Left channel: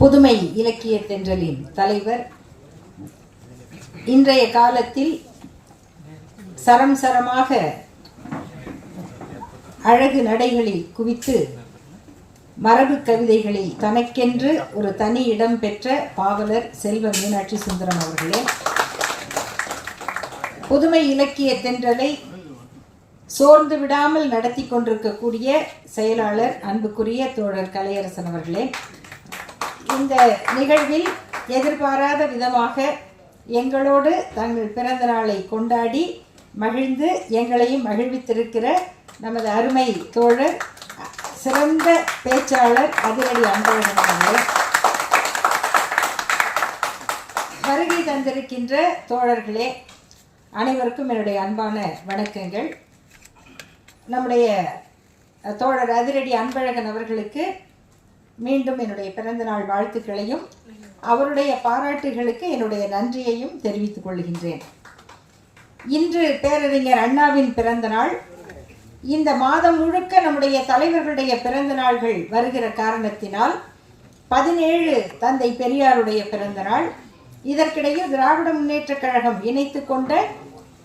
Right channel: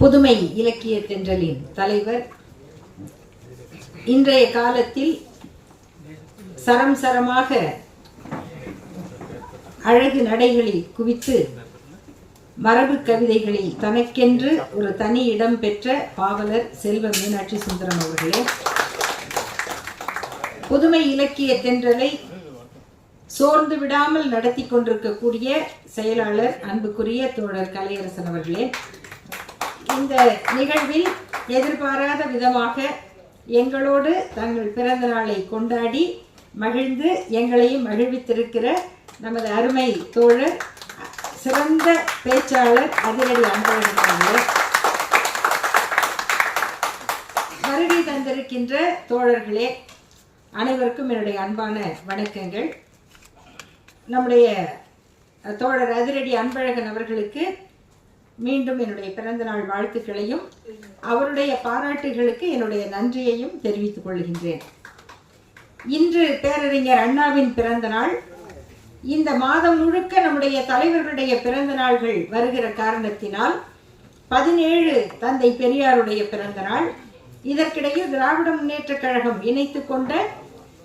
புதுமை இலக்கிய தென்றலின் தலைவர் இன்றைய காலத்தில் சரம் சரமாக அழகு நடைகளில் குவித்து மரபு கவிதைகளில் தனக்கென்று ஒரு தனி இடம் பெற்ற பாவலர் செல்வ மீனாட்சி சுந்தரம் அவர்களே, புதுமை இலக்கிய தென்றலை சோர்ந்து விடாமல் நடத்தி கொண்டிருக்கக்கூடிய செயலாளர் அன்புக்குரிய தோழர் கலையரசன் அவர்களே, இந்த நிகழ்வில் எதிர்பாராத விதமாக எங்களோடு தங்கள் பிறந்த நாளை கொண்டாடி மகிழ்ந்து எங்களையும் மகிழ்வித்திருக்கிற நமது அருமை தோழர் சிறந்த பேச்சாளர் அதிரடி அன்பழகன் அவர்களே, வருகை தந்திருக்கின்ற தோழர்களே அனைவருக்கும் என்னுடைய அன்பான வணக்கங்கள். நம்முடைய தோழர் அதிரடி அன்பழகன் அவர்களுக்கு மீண்டும் என்னுடைய பிறந்தநாள் வாழ்த்துக்களையும் அவருடைய பாராட்டுகளுக்கு என்னுடைய நன்றியையும் தெரிவித்துக் கொள்கின்றேன். இன்று பேரறிஞர் அண்ணாவின் பிறந்த நாள். இந்த மாதம் முழுக்க நம்முடைய தலைவர்களுடைய பிறந்த நாள்கள் வருகிற காரணத்தினால் 17 தந்தை பெரியாருடைய பிறந்த நாள், இதற்கிடையில் திராவிட முன்னேற்ற கழகம் இணைத்து கொண்ட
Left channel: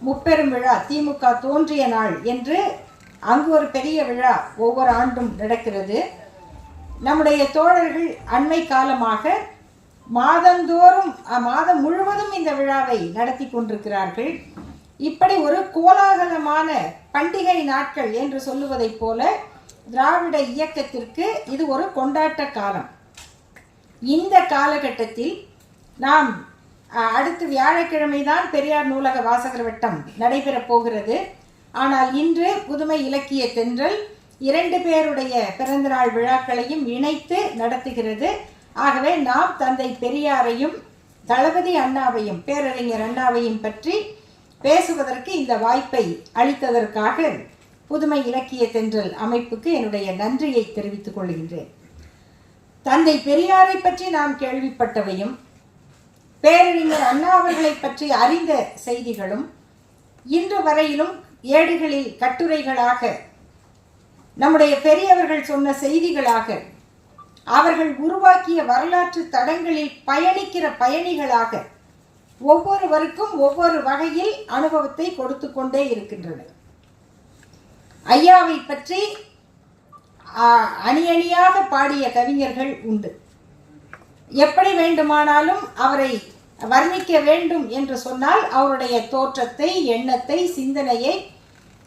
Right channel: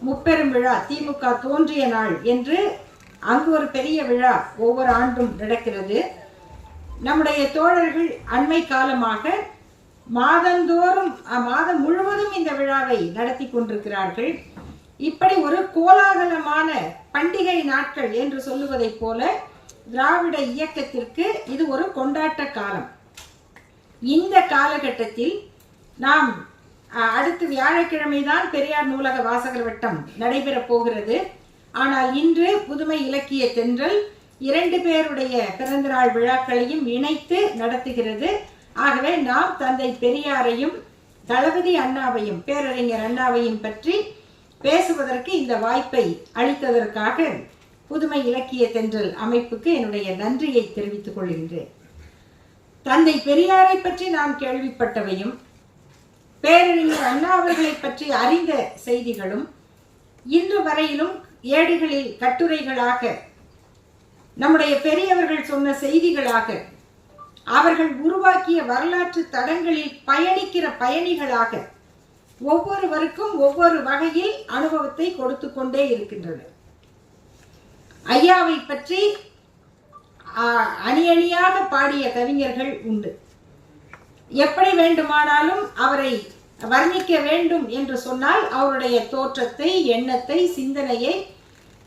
முப்பெரும் விழா திமுக தோன்றிய நாள் என்று அங்கு ஒரு பெரிய விழா ஒவ்வொரு ஆண்டும் நடக்கிறது. நம்முடைய தோழர்கள் அண்மை காலமாக மாதந்தோறும் மாதம் முழுவதும் இந்த விழாவை நடத்தி கொண்டிருக்கிறார்கள். இப்படி ஒரு கோலாகலமான பண்டிகை நாட்கள் என்று சொல்லுவதைப் போல திராவிட இயக்கத்திற்கு இது ஒரு கொண்டாட்ட காலம். இந்த காலகட்டத்தில் நாம் அடுத்து வியாழக்கிழமை தான் பெரியார் நூலக வாசகர் வட்டம் நடைபெறப் போகிறது. ஆனால் இன்று புதுமை இலக்கிய தென்றல் 2 பேருடைய பிறந்தநாள் விழாக்களையும் இணைத்து நடத்துகிறது. ஆகவே நாம் தந்தை பெரியாரையும் தளபதி அண்ணாவையும் பேரறிஞர் அண்ணாவையும் பற்றி பேசுவதற்கு இந்த வாய்ப்பை அளித்ததற்காக புதுமை இலக்கிய தென்றல் அமைப்புக்கு என்னுடைய நன்றியை தெரிவித்துக் கொள்கின்றேன். தந்தை பெரியாரை பற்றி நாம் கேள்விப்பட்டவையும் பேரறிஞர் அண்ணா அவர்களை பற்றி அறிந்த செய்திகளும் இன்று வரையிலும் ஏடுகளில் கட்டுரைகளாக நம்முடைய பெரியவர்கள் சொன்ன செய்திகளாக அவர்கள் உருவாக்கிய வரலாற்று தடங்களில் பயணிக்கிற பயணிகளாக ஒவ்வொருவருக்கும் ஒவ்வொரு வகையில் அனுபவத்தை கொடுத்து கொண்டே இருக்கின்றன. ஐயாவை பற்றி அணி அணியாக பாடிய கவிஞர்கள் உண்டு. எப்படி வேண்டுமானாலும் அவரை வர்ணிக்க வேண்டும் என்று சொன்னால் அவருடைய தோற்றத்தை, எண்ணத்தை, சிந்தனையை,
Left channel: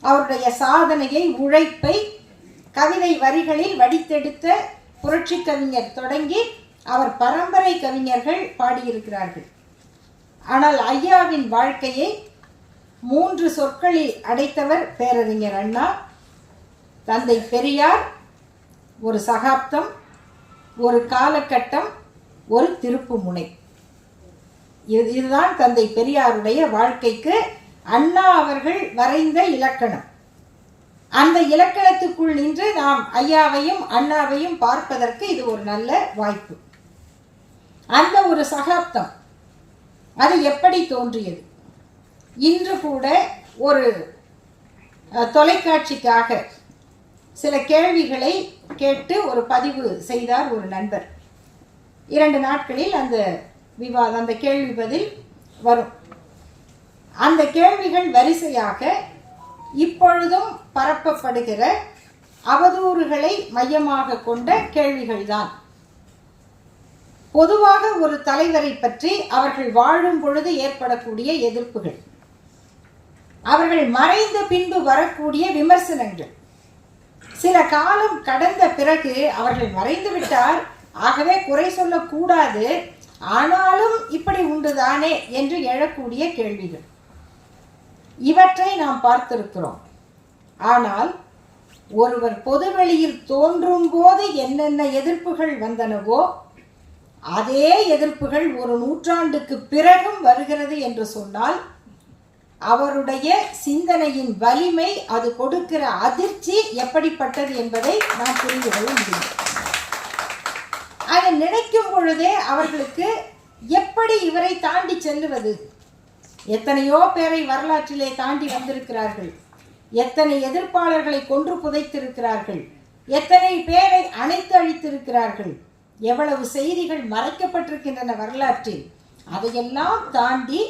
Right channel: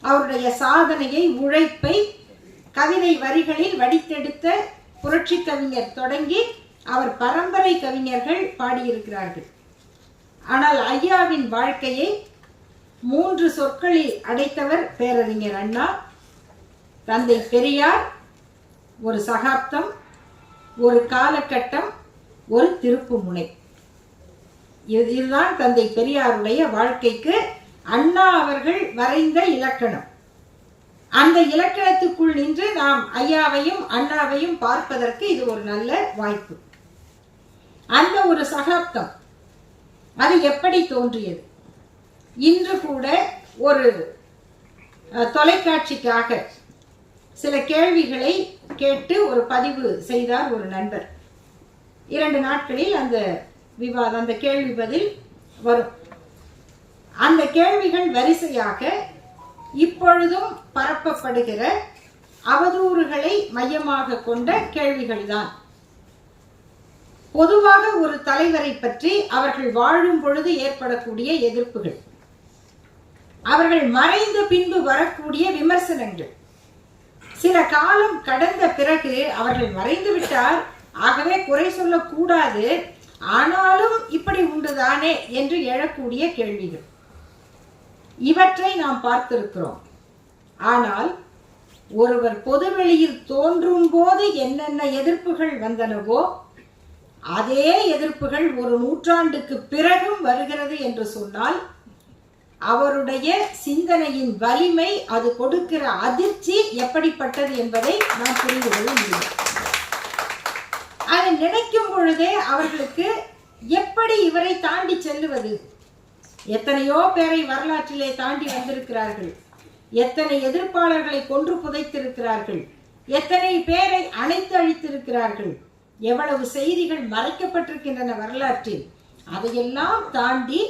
அவருடைய சாதனையை, உழைப்பை கவிதை வரிகளில் வடித்தெடுத்த புரட்சி கவிஞர் தொடங்கி அவர் பரம்பரை கவிஞர்கள் பாடியிருக்கிறார்கள். ஆனால் ஐயாவின் வாழ்க்கையை 3 சொற்களில் அடைத்தவர் பேரறிஞர் அண்ணா. தந்தை பெரியார், ஒரு சகாப்தம், ஒரு காலகட்டம், ஒரு திருப்பு முனை. இதுதான் தந்தை பெரியாருடைய வாழ்க்கைக்கு அண்ணா அவர்கள் வரைந்த இலக்கணம். அந்த இலக்கணத்துக்குள் நின்று நாம் ஐயாவையும் அண்ணாவையும் பார்ப்பதற்கு இது ஒரு நல்ல வாய்ப்பு. அந்த ஒரு சகாப்தம் அது எப்படி தோன்றியது? இன்று கூட ஒரு தொலைக்காட்சிக்காக சில கேள்விகளை கேட்டு ஒரு பதிவு செய்தார் ஒரு நண்பர். 2 நாட்களில் அந்த விவாதம், அந்த கேள்வி பதில் வரும். அந்த கேள்விகள் வரிசையாக இப்பொழுதும் பரப்பப்படுகிற அவதூறுகளை மையமாக கொண்ட கேள்விகள்தான். பொதுவாக ஒரு தலைவரை பற்றி அவர்கள் வாழும் பொழுது ஏற்படக்கூடிய எதிர்ப்புகள், அவர்கள் மறைந்த பின்பு வரக்கூடிய விமர்சனங்கள், சில காலம் கடந்த பிறகு அவர்கள் மறைந்து விட்டார், ஆகவே குறை சொல்லக்கூடாது, ஆனாலும் இப்படி உண்டுதானே என்று எழக்கூடிய கேள்விகள், இவற்றை நாம் பார்த்திருக்கிறோம். ஆனால் ஒருவர் பொதுவெளியில் தோன்றும் போது என்னென்ன எதிர்ப்புகள் வந்தனவோ அதே எதிர்ப்புகள் ஒரு நூற்றாண்டுக்கு பிறகும் வருகிறது என்று சொன்னால் அவருடைய சிந்தனையின் வலிமை, அது கொடுக்கிற அதிர்ச்சி எப்படிப்பட்டது என்பதை நாம் புரிந்து கொள்ள முடியும். அதை நினைக்கும் பொழுதே அவர்களுக்கு எப்படி இவரை தாண்டி செல்லுவது? எத்தனையோ பேரை வரலாற்றிலே தாண்டி வந்திருக்கிறார்கள், எத்தனை எதிர்ப்பாளர்களை கொன்று புதைத்திருக்கிறார்கள், எத்தனை பேரை அணைத்து அழித்திருக்கிறார்கள், எவ்வளவு செய்திகள் மறைக்கப்பட்டிருக்கின்றன வரலாற்றில். அதையெல்லாம் தாண்டி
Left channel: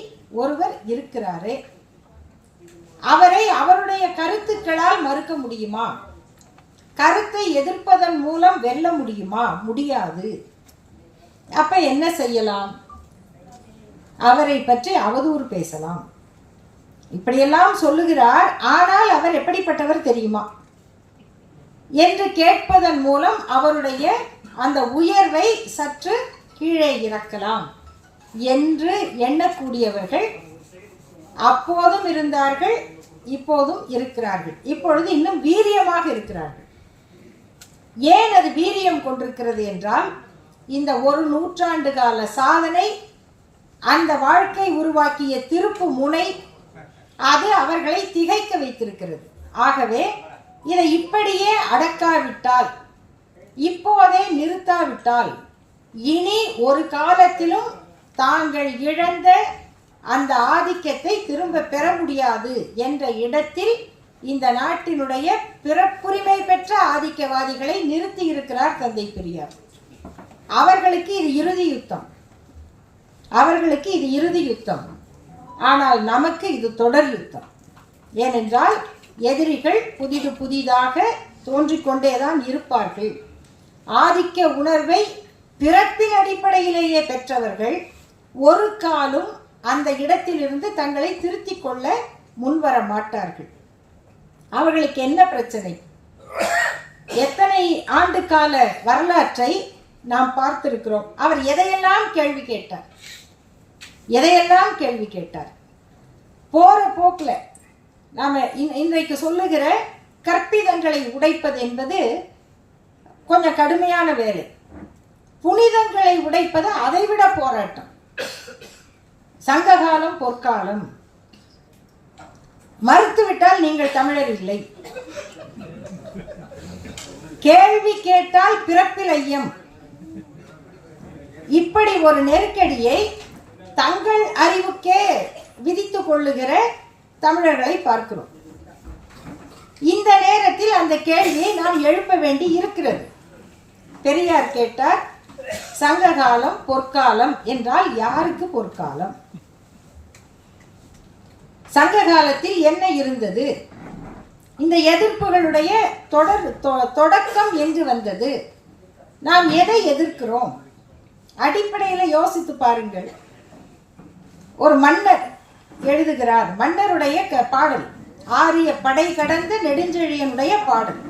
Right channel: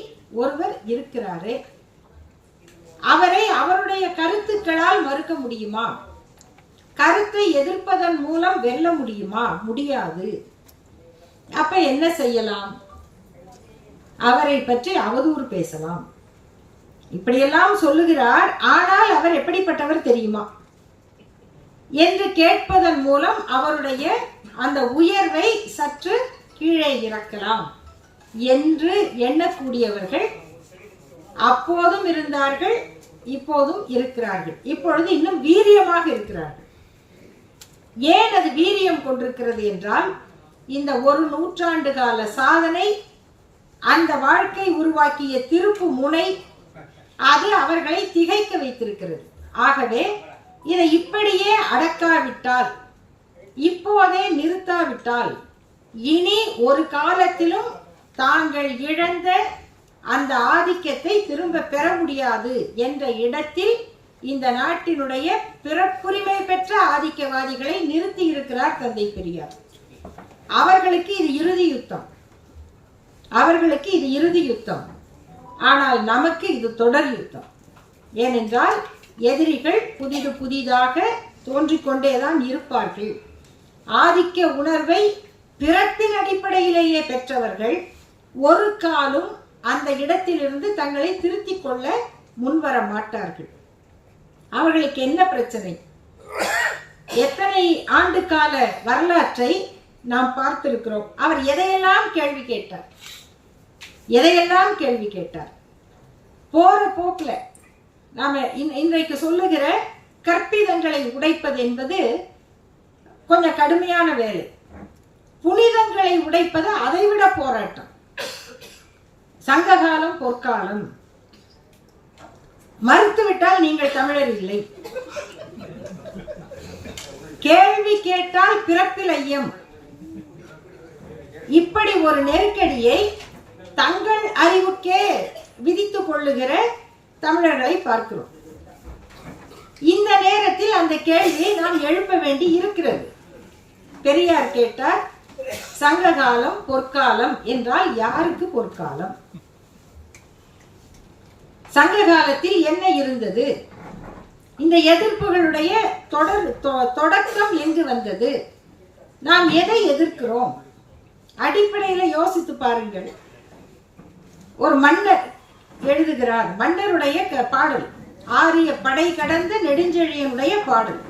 ஒருவர் இருக்கிறாரே, அவரை அவருடைய கருத்துக்களால் மறுக்க முடியுமா? கருத்தை எதிர்ப்பதன் மூலம் வெல்ல முடியுமா? முடியாது. அப்ப என்ன செய்யலாம்? அவரை பற்றி அவதூறு பேசலாம். இப்படியெல்லாம் சொல்லுகிறார், ஆனால் அவர் எப்படிப்பட்டவர் தெரியுமா என்று கேட்பதன் மூலம் அவருடைய அந்த உயர்வை சற்று கீழே இறக்கலாம் என்று எண்ணக்கூடியவர்கள் அப்போதும் இருந்தார்கள், இப்போதும் இருக்கிறார்கள். இப்பொழுது இன்னும் வீரியமாக இருக்கிறார்கள். ஏன் அது வீரியம் கொண்டிருக்கிறது என்றால், இந்த ஒரு நூற்றாண்டு கால சாதனை, அந்த வாழ்க்கை உருவாக்கிய திருப்பு முனை, அது அவர்களை திகைக்க வைத்திருக்கிறது. ஆகவே இதை இப்படியே அடக்காவிட்டால், இப்போதே நிறுத்தாவிட்டால், இனி ஒரு காலத்திலும் தாங்கள் இழந்த அந்த ஆதிக்கத்தை திரும்ப பெற முடியாது என்ற இடத்தில் இந்த நாட்டினுடைய பிறப்புரிமை பெற்ற ஆதிக்கவாதிகளை நிறுத்தி இருக்கிறார் தந்தை பெரியார். அவர்களுக்கு இது இறுதி யுத்தம், அவர்களுக்கு இது இறுதி யுத்தம். ஆனால் நமக்கு இது தொடர் யுத்தம். ஏனென்றால் எதிரிகள் புதிதாக தோன்றிக்கொண்டேதான் இருப்பார்கள். ஆதிக்க உணர்வை பிறப்பின் அடிப்படையிலேயே பெற்றவர்கள் ஒரு காலும் அந்த இடத்திலிருந்து தங்களை திருத்திக் கொள்ள முன்வர மாட்டார்கள். அவர்களுக்கு என்ன பிரச்சனை? எத்தனை ஆண்டு கால வரலாற்றை நாம் பார்த்திருக்கிறோம். அவர் எதையெல்லாம் கேள்வி கேட்டார், எதையெல்லாம் கேள்வி கேட்டார். போற போக்கில் நாம இன்றைக்கு சொல்லுகிற கற்பிதங்களை உடைப்பது என்பது கொஞ்சம் கடுமையான வேலை. புனிதங்களை உடைப்பது அதைவிட போராட்டம். சங்ககாலம் பொற்காலம், மறுத்துவிட்டால் நீங்கள் தமிழர் இல்லை. கேள்வி கேட்டால் பிறப்பில் ஐயம். இப்படி ஒரு நெருக்கடியை தங்கள் அறிவுக்கே விதித்துக் கொள்ளுகிற தமிழர்களை பார்க்கிறோம். இந்த நேரத்தில் அந்த கேள்வியை நாம் எழுப்ப வேண்டி இருக்கிறது. பெரியார் கேட்டார், சங்ககாலம் பொற்காலம் என்றால் யாருக்கு பொற்காலம்? சங்க காலத்தில் என்ன இருந்தது? இந்த எதிர்ப்புகளுடைய தொடக்கம் எங்கு வந்தது? நாம் எதை எதிர்க்கிறோம்? அடிப்படையில் யோசித்து பாருங்கள். ஒரு மன்னர் எழுதுகிறார், மன்னருடைய பாடல், ஆரிய படை கடந்த நெடுஞ்செழியனுடைய பாடல்.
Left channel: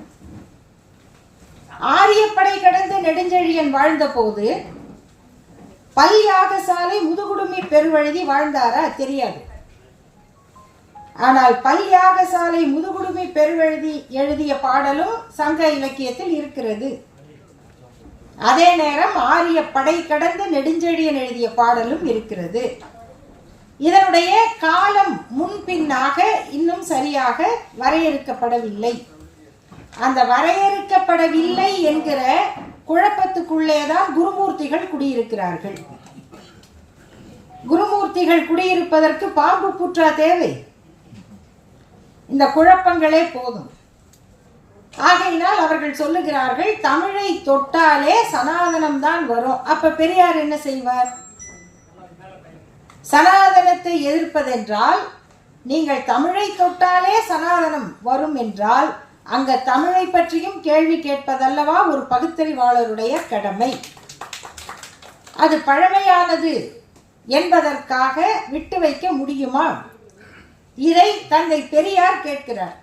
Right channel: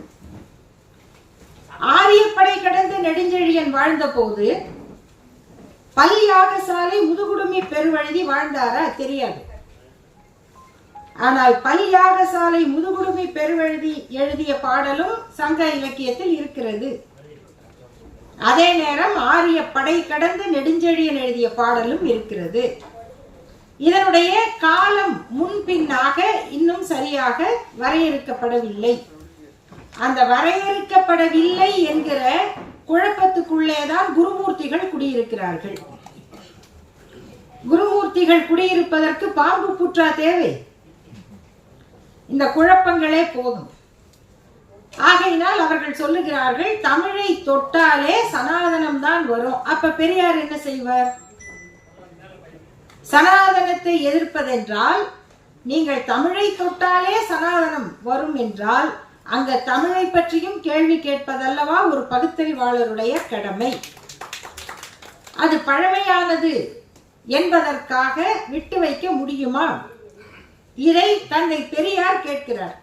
ஆரிய படை கடந்த நெடுஞ்செழியன் வாழ்ந்த போது பல் யாகசாலை முதுகுடுமி பெருவழுதி வாழ்ந்தாரா? தெரியாது. ஆனால் பல் யாகசாலை முதுகுடுமி பெருவழுதி எழுதிய பாடலும் சங்க இலக்கியத்தில் இருக்கிறது. அதே நேரம் ஆரிய படை கடந்த நெடுஞ்செழியன் எழுதிய பாடலும் இருக்கிறது. இதனுடைய காலம் முன்பின்னாக இன்னும் சரியாக வரையறுக்கப்படவில்லை. அந்த வரையறுக்கப்படவில்லை என்கிற குழப்பத்துக்குள்ளேதான் குருமூர்த்திகள் குடியிருக்கிறார்கள். குருமூர்த்திகள் குடியிருப்பதற்கு பாம்பு புற்றா தேவை? இந்த குழப்பங்களே போதும். ஆகையினால் அவர்கள் சொல்லுகிறார்கள், தமிழை தொட்டாலே சனாதனம் தான் வரும். அப்ப பெரியார் என்ன செய்வார்? சனாதனத்தை எதிர்ப்பதென்றால், நீங்கள் தமிழை தொட்டாலே சனாதனம் வரும் என்றால், அங்க தமிழை பற்றியும் கேள்வி கேட்பதல்லவா ஒரு பகுத்தறிவாளருடைய கடமை. அது பழமையானது என்பதற்காக விட்டு வைக்க முடியுமா? இதை தந்தை பெரியார் கேட்கிறார்.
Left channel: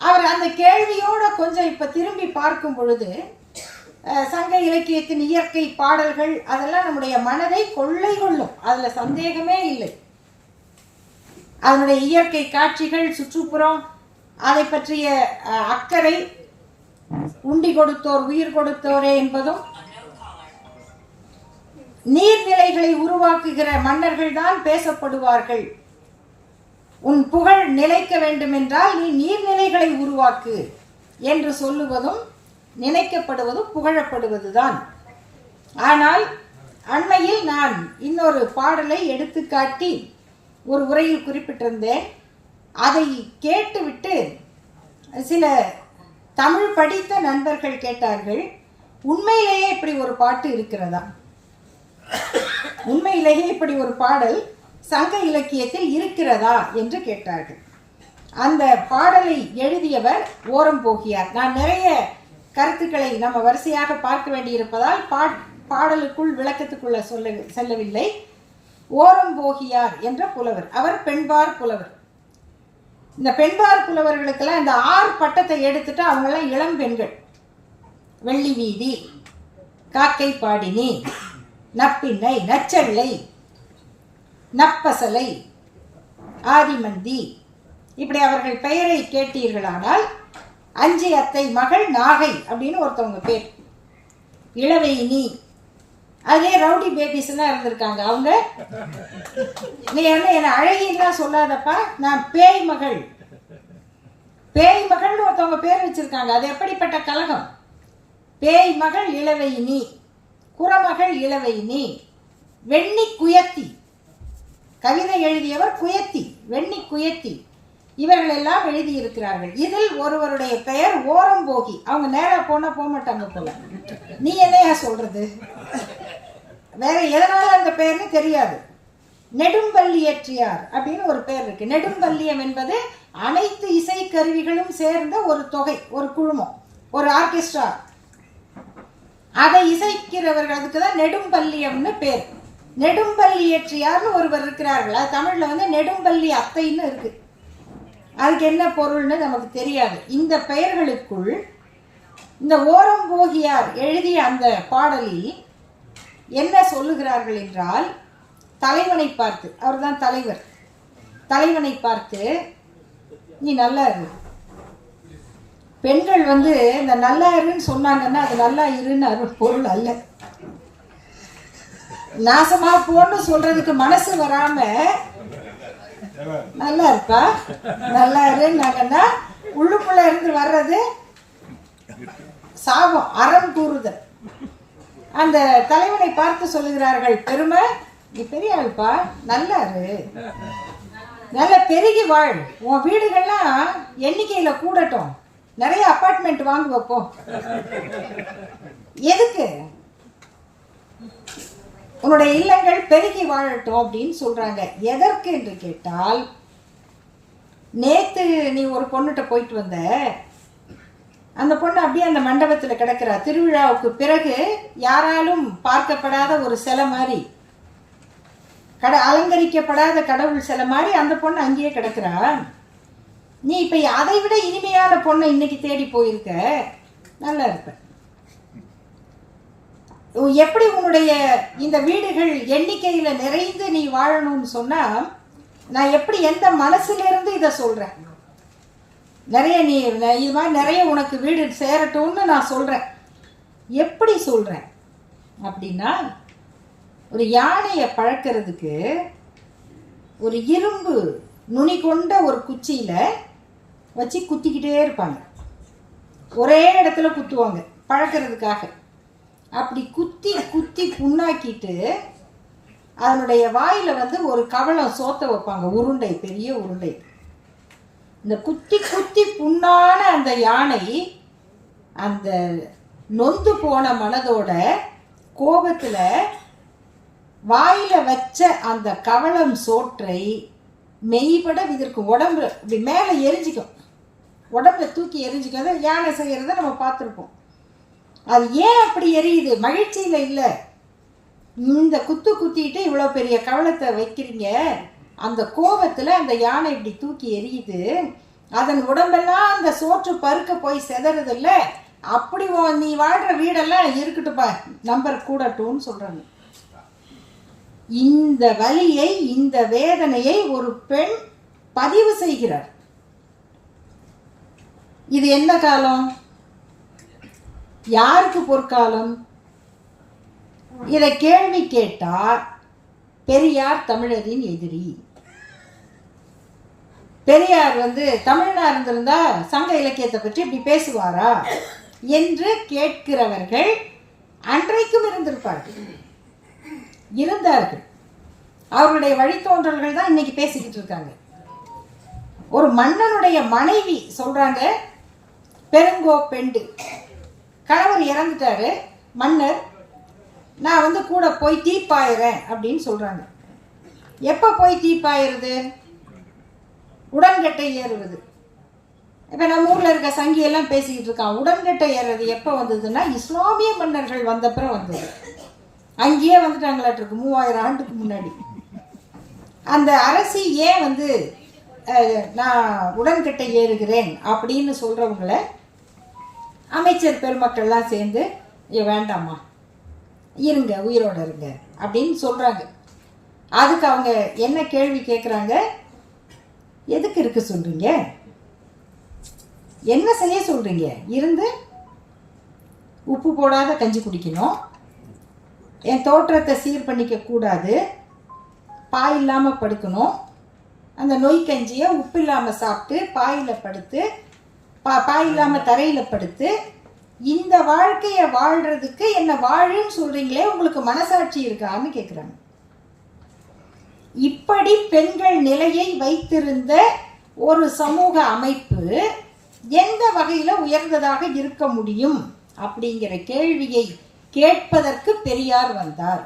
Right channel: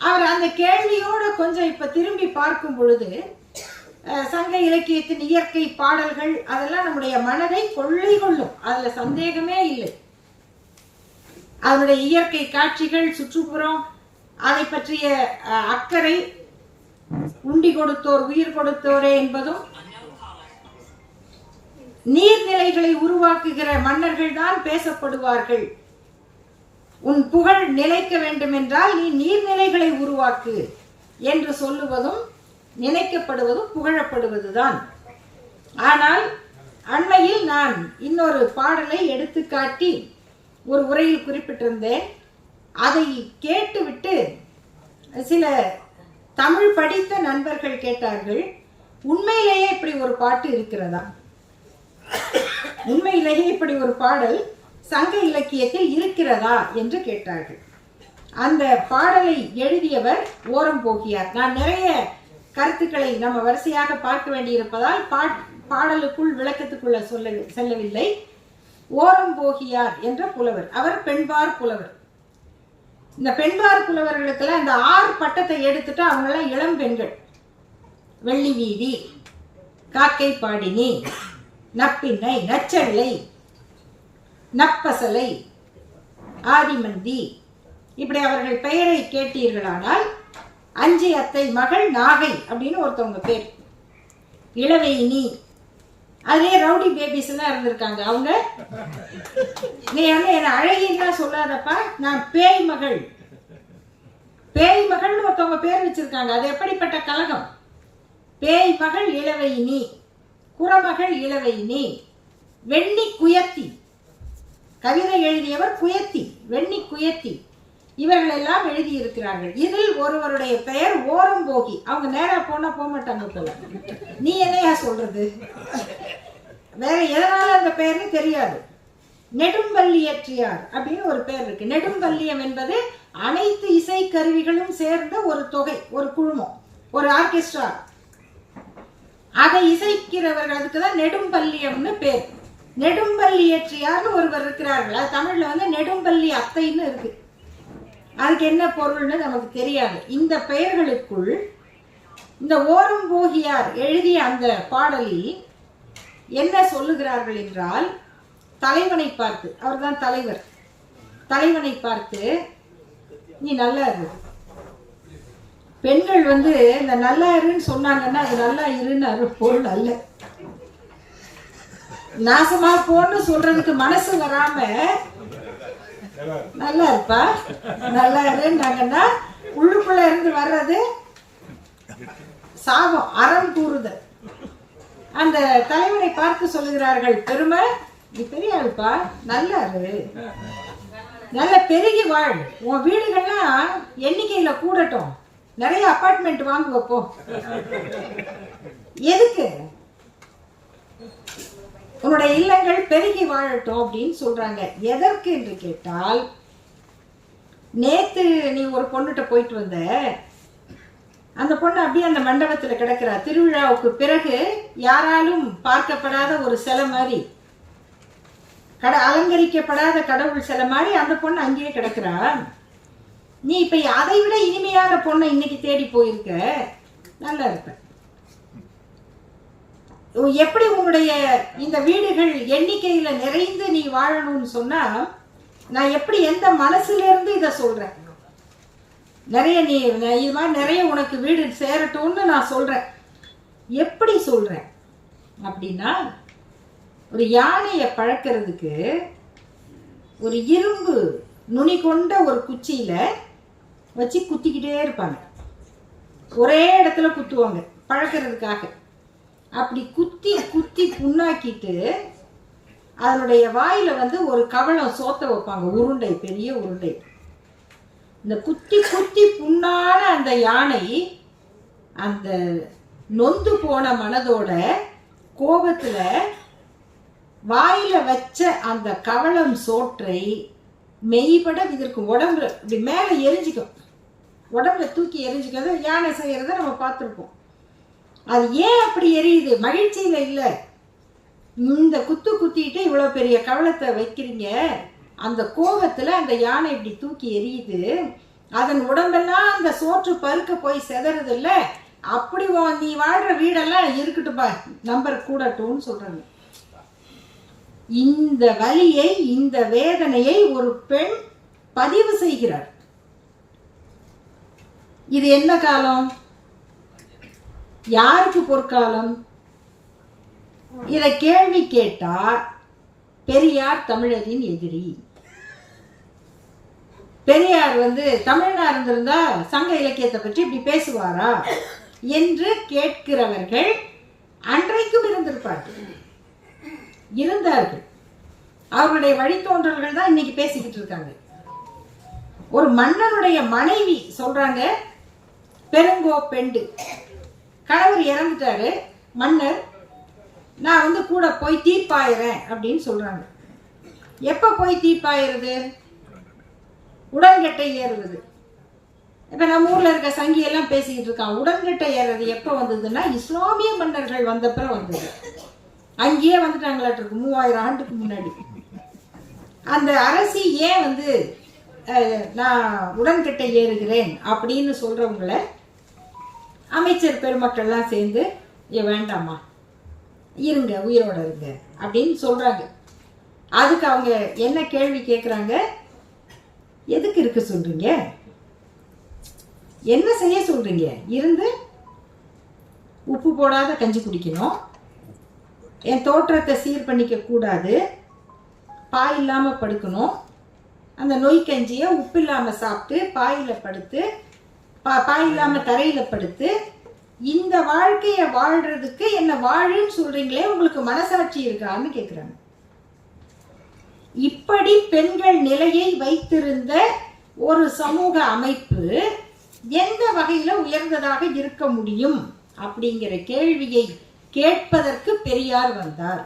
அவர் அந்த கேள்வியோட கொஞ்சம் இப்ப திரும்பி பார்க்கும் பொழுது, சங்க இலக்கியத்தின் இயற்கை பாடல்கள் அதெல்லாம் நம்முடைய மனதை கொள்ளை கொள்ளும், அதுல சந்தேகமே இல்லை. அதனுடைய இயற்கை காட்சிகள், சுற்றுப்புறம், அதை பற்றிய அக்கறை, உண்டி கொடுத்தோர் உயிர் கொடுத்தோரே என்பதும், நீர்நிலைகளை உருவாக்குகிற மன்னர்கள் தான் பேசப்படுவார்கள். உன் புகழ் நிலைக்க வேண்டும் என்றால் நீ நீர்நிலைகளை உருவாக்கு என்று சொல்லுவதும் நினைக்கப்படுவதும் புகழப்படுவதுதான். ஆனால் அண்மையில் நான் இன்னொரு பாடலை எடுத்துக்காட்டி ஒரு உரையில் குறிப்பிட்டிருந்தேன். அதை கேட்டுவிட்டு சில தமிழ் படித்த நண்பர்கள் கேட்டார்கள், உண்மையிலேயே இப்படி ஒரு பாட்டு இருக்கிறதா? உண்மையிலேயே இப்படி ஒரு பாடல் சங்க இலக்கியத்தில் இருக்கிறதா என்று கேட்டார்கள். அந்த பாடலை எழுதியவர் ஓரம்போகியார். நான் நிறைய கருத்துக்களை நம்ம வரிசையாக பார்க்க வேண்டியிருப்பதால் பாடலுக்குள் விளக்கத்துக்குள்ள செல்லவில்லை. ஓரம்போகியார் என்ற புலவர், அவர் பெண்பார் புலவர். இந்த பெண்பார் புலவர்களுக்கெல்லாம் இந்த 6 பட்டத்தை எடுத்துட்டு அவங்கெல்லாம் இளம் பெண்கள். வெள்ளி வீதி, காக்கை பாடினி, நப்பின்னை, நச்சள்ளை, நப்பசலை, ஆதிமந்தி, இப்படி அவர்கள் பெயரை கேட்டீர்களானால் அஞ்சி அத்தை மகள் நாகை அப்படின்னு ஒருத்தவங்க பேர். இளவையினி, அதுலேயே ரவுடி பேபிஸ் எல்லாம் இருந்திருக்காங்க. அவங்க நீ என்ன அழகின்லாம் சொல்லாதப்பா, நான் பேய் மகள், பேய் மகள்னு ஒருத்தவங்க பேர் வச்சிருக்காங்க. அது எப்படிப்பட்ட கலகம்! பேய் மகள் இளவையினி, குறமகள் இளவையினி, வெண்ணி குயத்தி, கவிதை எழுதியவர் குயத்தி, வெண்ணி குயத்தி, இவர்கள் எல்லாம் எழுதியிருக்கிறார்கள். இதில் ஒருவருடைய பெயர் ஓரம்போகி. அவங்க நேரா போனா போக மாட்டாங்க போல. நீ என்னையா சொல்றது? வேற எதனால அந்த பெயர்னு தெரியாது. நெடும்பல்லியற்றியார் அப்படின்னு ஒரு பெயர் இருக்கு. நெடும்பல்லியம் என்பது அனைத்து இசை கருவிகளும் சேர்ந்த ஒரு தொகை, ஒரு குழுமம், ஒரு ஆர்கெஸ்ட்ரா. அதை இசைக்கிறவர்கள், அதுக்கு தான் நெடும்பல்லியம்னு பேர். நெடும்பல்லியற்றியார்னு ஒருவர் இருக்கிறார்கள். அது தமிழ்ல வந்து நெடும்பல்லி அத்தைன்னு இருக்கு. அதுக்கு என்ன பொருள்னு நமக்கு தெரியாது. இந்த பெயர்களுக்குள் இந்த ஓரம்போகியார் எழுதிய அந்த பாடலில் என்ன சொல்லுகிறார்கள் என்றால், தலைவனை பார்த்து, அவர் தான் தலைவர், தலைவனை பார்த்து நீ நல்லா இரு. பெண்கள் வந்து இந்த நல்லா இருன்னு சொன்னாங்கன்னா அது நல்லா இருன்னு பொருள் அல்ல. நாசமா போன்னு சொல்றதுக்கு மனசு வராம நல்லா இருப்பா, நல்லா இருன்னாங்கன்னா உள்ளுக்குள்ள இருந்து வர்றது சாபம், அறம் கூறுதல். அந்த தலைவனை பார்த்து சொல்லுகிறார்கள், பெருமை நீ பெரிய ஆள்பா, நல்லா இரு, நல்ல பெருகி வாழ், உன் வீடுகள்லாம் எண்ணிக்கையில கூடட்டும், நிறைய அபார்ட்மெண்ட் வாங்க வைப்போம். எதுக்கு? உன்னுடைய இல்லங்கள் பெருகி வாழட்டும் அப்படின்னு சொல்றாங்க. எதற்கு என்று கேட்டால், நேத்து நீ ஒரு பொண்ணுகிட்ட போயிட்டு வந்த, அந்த பொண்ணு அப்படியே அந்த மண்டபத்தில் கிடக்கிறா. திருவிழாவுக்கு பிறகு யாராலும் பார்க்கப்படாத ஒரு சிலை மாதிரி, அலங்கரிக்கப்படாத கடவுள் சிலை மாதிரி அந்த பொண்ணு அங்கேயே கிடக்கிறா. நீ இப்ப அதை விட இனிமையான பொண்ணை இன்னைக்கு தேடி போயிருக்க, நல்லா இருக்க. எப்படி உன்னுடைய இந்த வீடுகள் எண்ணிக்கையில நிறைந்து நீ வாழணும்னு சொன்னா, நான் எப்படி எந்த மனசுல இருந்து இதை சொல்றேன்? நிறைய நீ இது மாதிரி நிறைய உனக்கு வீடு சேரட்டும்னு நான் சொல்றேன். எப்படி சொல்றேன் அப்படின்னா, ஒரு யானையை பழக்கிறதுக்கு ஒரு இரும்பு நுனி கொண்ட ஒரு குச்சியில வச்சு குத்திக்கிட்டே இருப்பாங்க. ஒரே இடத்துல குத்துவாங்க பழக்கிறதுக்காக. அப்படி குத்தி குத்தி புண்ணாக்கிட்டு அதனுடைய வாயில வந்து ஒரு கவளம் சோத்த வைப்பாங்க, உருண்டை, பெரிய உருண்டை. இந்த குத்தி குத்தி புண்ணான அந்த யானை அந்த நொந்து போன மனதோட கோபத்துல வாயில வச்ச அந்த கவளம் சோற்றை மெய்பட இதற்கு உடம்புல இப்படி மேலே எரிஞ்சிக்கும், உடம்புல தூக்கி எரிஞ்சிக்கும். யானை செய்யறத நம்ம பார்த்துருப்போம். அது ஏன் அப்படி எரியுது? மகிழ்ச்சியில இல்லை. இந்த குத்து குத்திட்டு இவ்வளோ பெரிய கவளத்தை வைக்கிறீங்க, அந்த கோபத்தில் அந்த யானை இப்படி தூக்கி எரியுது. அதன் உடம்பெல்லாம் அந்த சோற்று பருக்க போய் செதறது இல்லை. அப்படி நீ வாழ்கிற வீடெல்லாம் இருக்கட்டும்பா, நம்பர் கூடட்டும்னு சொல்கிறாங்க. இந்த வலியை, இந்த வேதனையை ஒரு பெண் பதிவு செய்கிறார். இது என்ன காலம்? யாருக்கு பொற்காலம்? இதை கேள்வி கேட்டா பெரியார் தமிழரின் எதிரி. பெரியார் வந்து தமிழனா இருந்திருந்தா சங்க இலக்கியத்தை பற்றி இப்படி பேசுவாரா என்று கேட்கிறவர்கள் அன்றைக்கும் இருந்திருப்பார்கள், இருந்தார்கள். அவர்களுடைய வழித்தோன்றல்கள் தான் இன்னைக்கு பேசிக்கிட்டு இருக்காங்க. ஒரு மன்னனுடைய மனைவி சொல்றாங்க, பெருங்கோ பெண்டு, கணவர் இறந்துட்டாரு, மன்னர் நான் வந்து கூட போய் தீர்ப்பாயிறேன் அப்படின்னு சொல்றாங்க. எப்போ போய் தீர்ப்பாயிருது? உடன்கட்டை ஏறுவது. இப்போ நம்ம ஊரில் இருக்க சங்கியெல்லாம் பேசிக்கிட்டு இருக்கான். உடன்கட்டை ஏறுறது எப்போ வந்ததுன்னா இஸ்லாமிய மன்னர்கள் வந்தப்புறம் வந்தது. அங்கேயே வந்துட்டாங்களாட்டிருக்கு 3000 ஆண்டுக்கு முன்னாடி. அந்த அரசி ஏன் வந்து நான் உடன்கட்டை ஏறுகிறேன் அப்படின்னு சொல்கிறவங்கள அமைச்சர் பெருமக்கள்லாம் சேர்ந்து வேண்டாமா இருங்க உயிரோட இருங்க அப்படின்னு சொல்கிறாங்க. அதுக்கு அவங்க என்ன கேள்வி கேட்குறாங்க? எதுக்கு இருக்க சொல்கிறீங்க? என்ன செய்ய சொல்கிறீங்க? இருந்து உப்பு போடாத கஞ்சி குடிக்கணும், என் தோற்றத்தை சீர் பண்ணிக்க கூடாது, பாய் இல்லாமல் படுக்கணும், அந்த நொய் கஞ்சியை உப்பு இல்லாமல் சாப்பிட்டு பாயில் படுத்து பாய் இல்லாமல் தரையில் படுத்து இந்த வாழ்க்கையை வாழ்கிறதுக்கு என்ன வாழுன்னு சொல்கிறீங்களே, உங்களுக்கு மனசாட்சி இருக்கான்னு கேட்குறாங்க. இப்படி பெண்கள் நிலையை வைத்திருந்த ஒரு சமூக அமைப்பு எந்த வகையில் உயர்ந்ததாக இருக்க முடியும் அப்படிங்கிற கேள்வியை கேட்பதற்கு பெரியார் வந்தார்.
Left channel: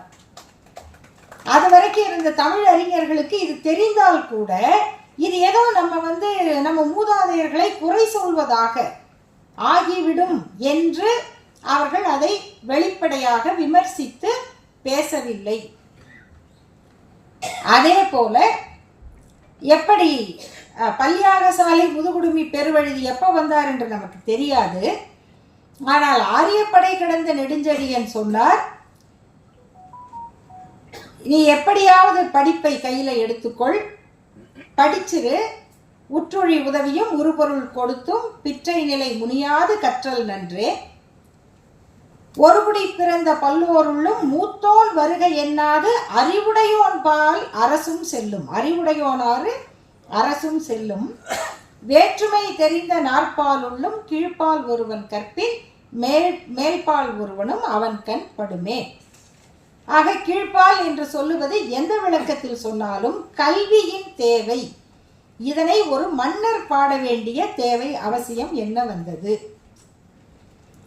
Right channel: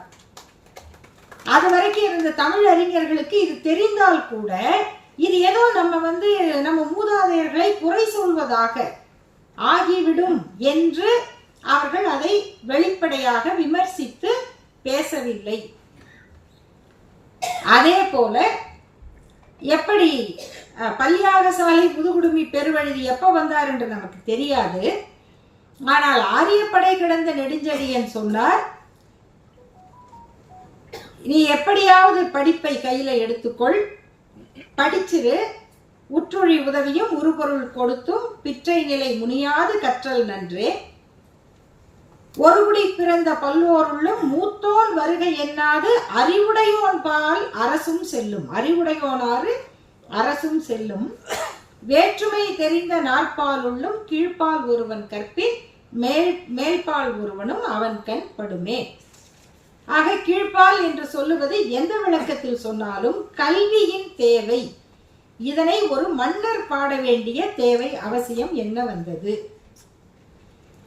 அது வரைக்கும் இருந்த தமிழ் அறிஞர்களுக்கு இது தெரிந்தால் கூட இது ஏதோ நம்ம மூதாதையர்களை குறை சொல்வதாக ஆகிவிடும் என்று அவர்கள் அதை வெளிப்படையாக விமர்சித்து பேசவில்லை. அதே போல எப்படி பல்யாகசாலை புதுகுடுமி பெருவழுதி எப்போ வந்தார் என்று நமக்கு தெரியாது. ஆனால் ஆரியப்படை கிடந்த நெடுஞ்செழியன் சொன்னார், நீ எப்படியாவது படிப்பை கையில் எடுத்துக்கொள், படிச்சிரு, உற்றுழி உதவியும் உருபொருள் கொடுத்தும் பிற்றை நிலை முனியாது கற்றல் நன்றே, ஒருகுடி பிறந்த பல்லோருள்ளும் மூத்தோன் வருக என்னாது அறிவுடையோன் பால் அரசும் செல்லும். அறிவுடையோனாறு அரசும் செல்லும். வேற்றுமை தெரிந்த நாற்பாலுள்ளும் கீழ்ப்பால் ஒருவன் கற்பின் மேல்பால் ஒருவனும் அவன் கண் படுமே. ஆக கீழ்ப்பால் என்று சொல்லுவது எந்த விளக்கத்தில் சொன்னாலும் கல்வியின் தேவை, இதனை ஒரு மன்னர் பாட வேண்டிய தேவை அவசியம் என்ன வந்தது?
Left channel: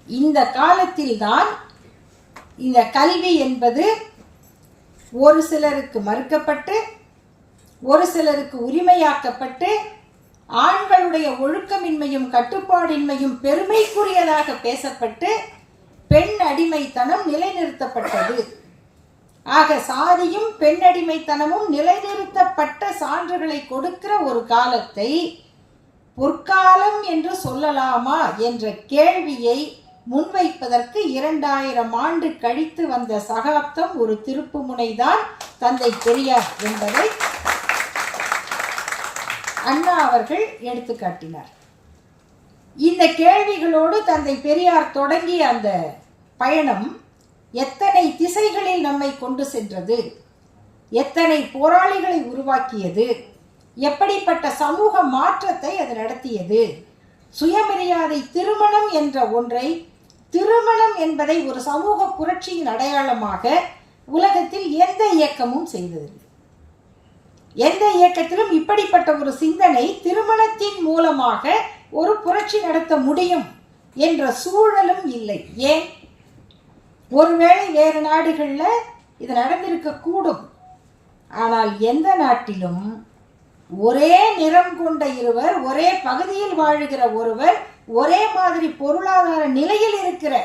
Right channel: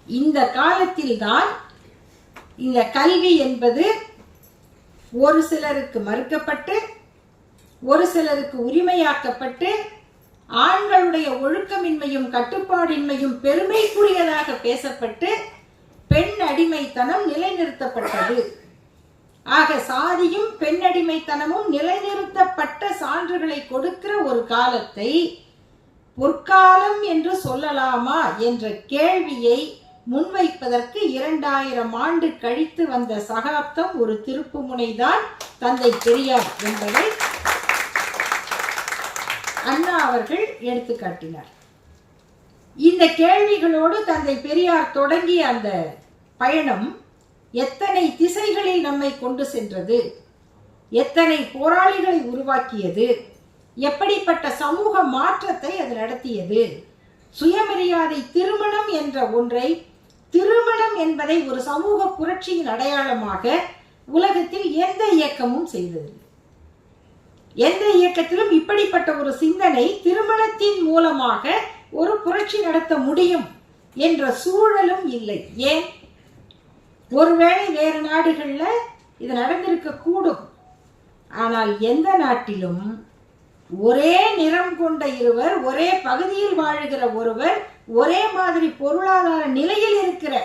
இந்த காலத்தில்தான் இந்த கல்வி என்பது ஒரு சிலருக்கு மறுக்கப்பட்டு ஒரு சிலருக்கு உரிமையாக்கப்பட்டு ஆண்களுடைய ஒழுக்கமின்மையும் கட்டுப்பாடின்மையும் பெருமைக்குரியதாக பேசப்பட்டு பெண் அடிமைத்தனம் நிலைநிறுத்தப்பட்டது. ஆக சாதியும் பெண் அடிமைத்தனமும் நிலைநிறுத்தப்பட்ட சான்றுகளை கொடுக்கிற ஒரு காலத்தை பொற்காலம் என்று சொல்லலாமா என்ற கேள்வியை முன்வைப்பதற்கு 2000 ஆண்டு கழித்து வந்த சகாப்தம் ஒரு திருப்பு முனைதான் தந்தை பெரியார் என்பதை அண்ணா அவர்கள் எடுத்து காட்டினார். இந்த கேள்விகளோடு தந்தை பெரியார் தொடங்கிய அந்த பயணம் எத்தனை திசைகளில் நம்மை கொண்டு சென்றது, எத்தனை போராளிகளை உருவாக்கியது, எப்படிப்பட்ட சமூக மாற்றத்தை அது நடத்தியது, சுயமரியாதை திருமணம் என்ற ஒன்றை, திருமணம் என்பதை ஒரு சமூக புரட்சியின் அடையாளமாக உலகத்தில் எந்த இயக்கமும் செய்ததில்லை. எந்த இயக்கத்திலும் இப்படிப்பட்ட ஒரு சிந்தனை திருமணத்தின் மூலமாக ஒரு புரட்சி நடத்த முடியும் என்ற சூழலும் இல்லை. ஏன்? ஒருவேளை வேறு நாடுகளில் இது நடந்திருக்க கூடும். ஆனால் எந்த நாட்டிலும் ஒரே நிறம் கொண்ட இருவர், ஒரே பகுதியில் வாழுகிற ஒருவர், ஒரே மாதிரி பொருளாதார நிலையில் இருக்கிற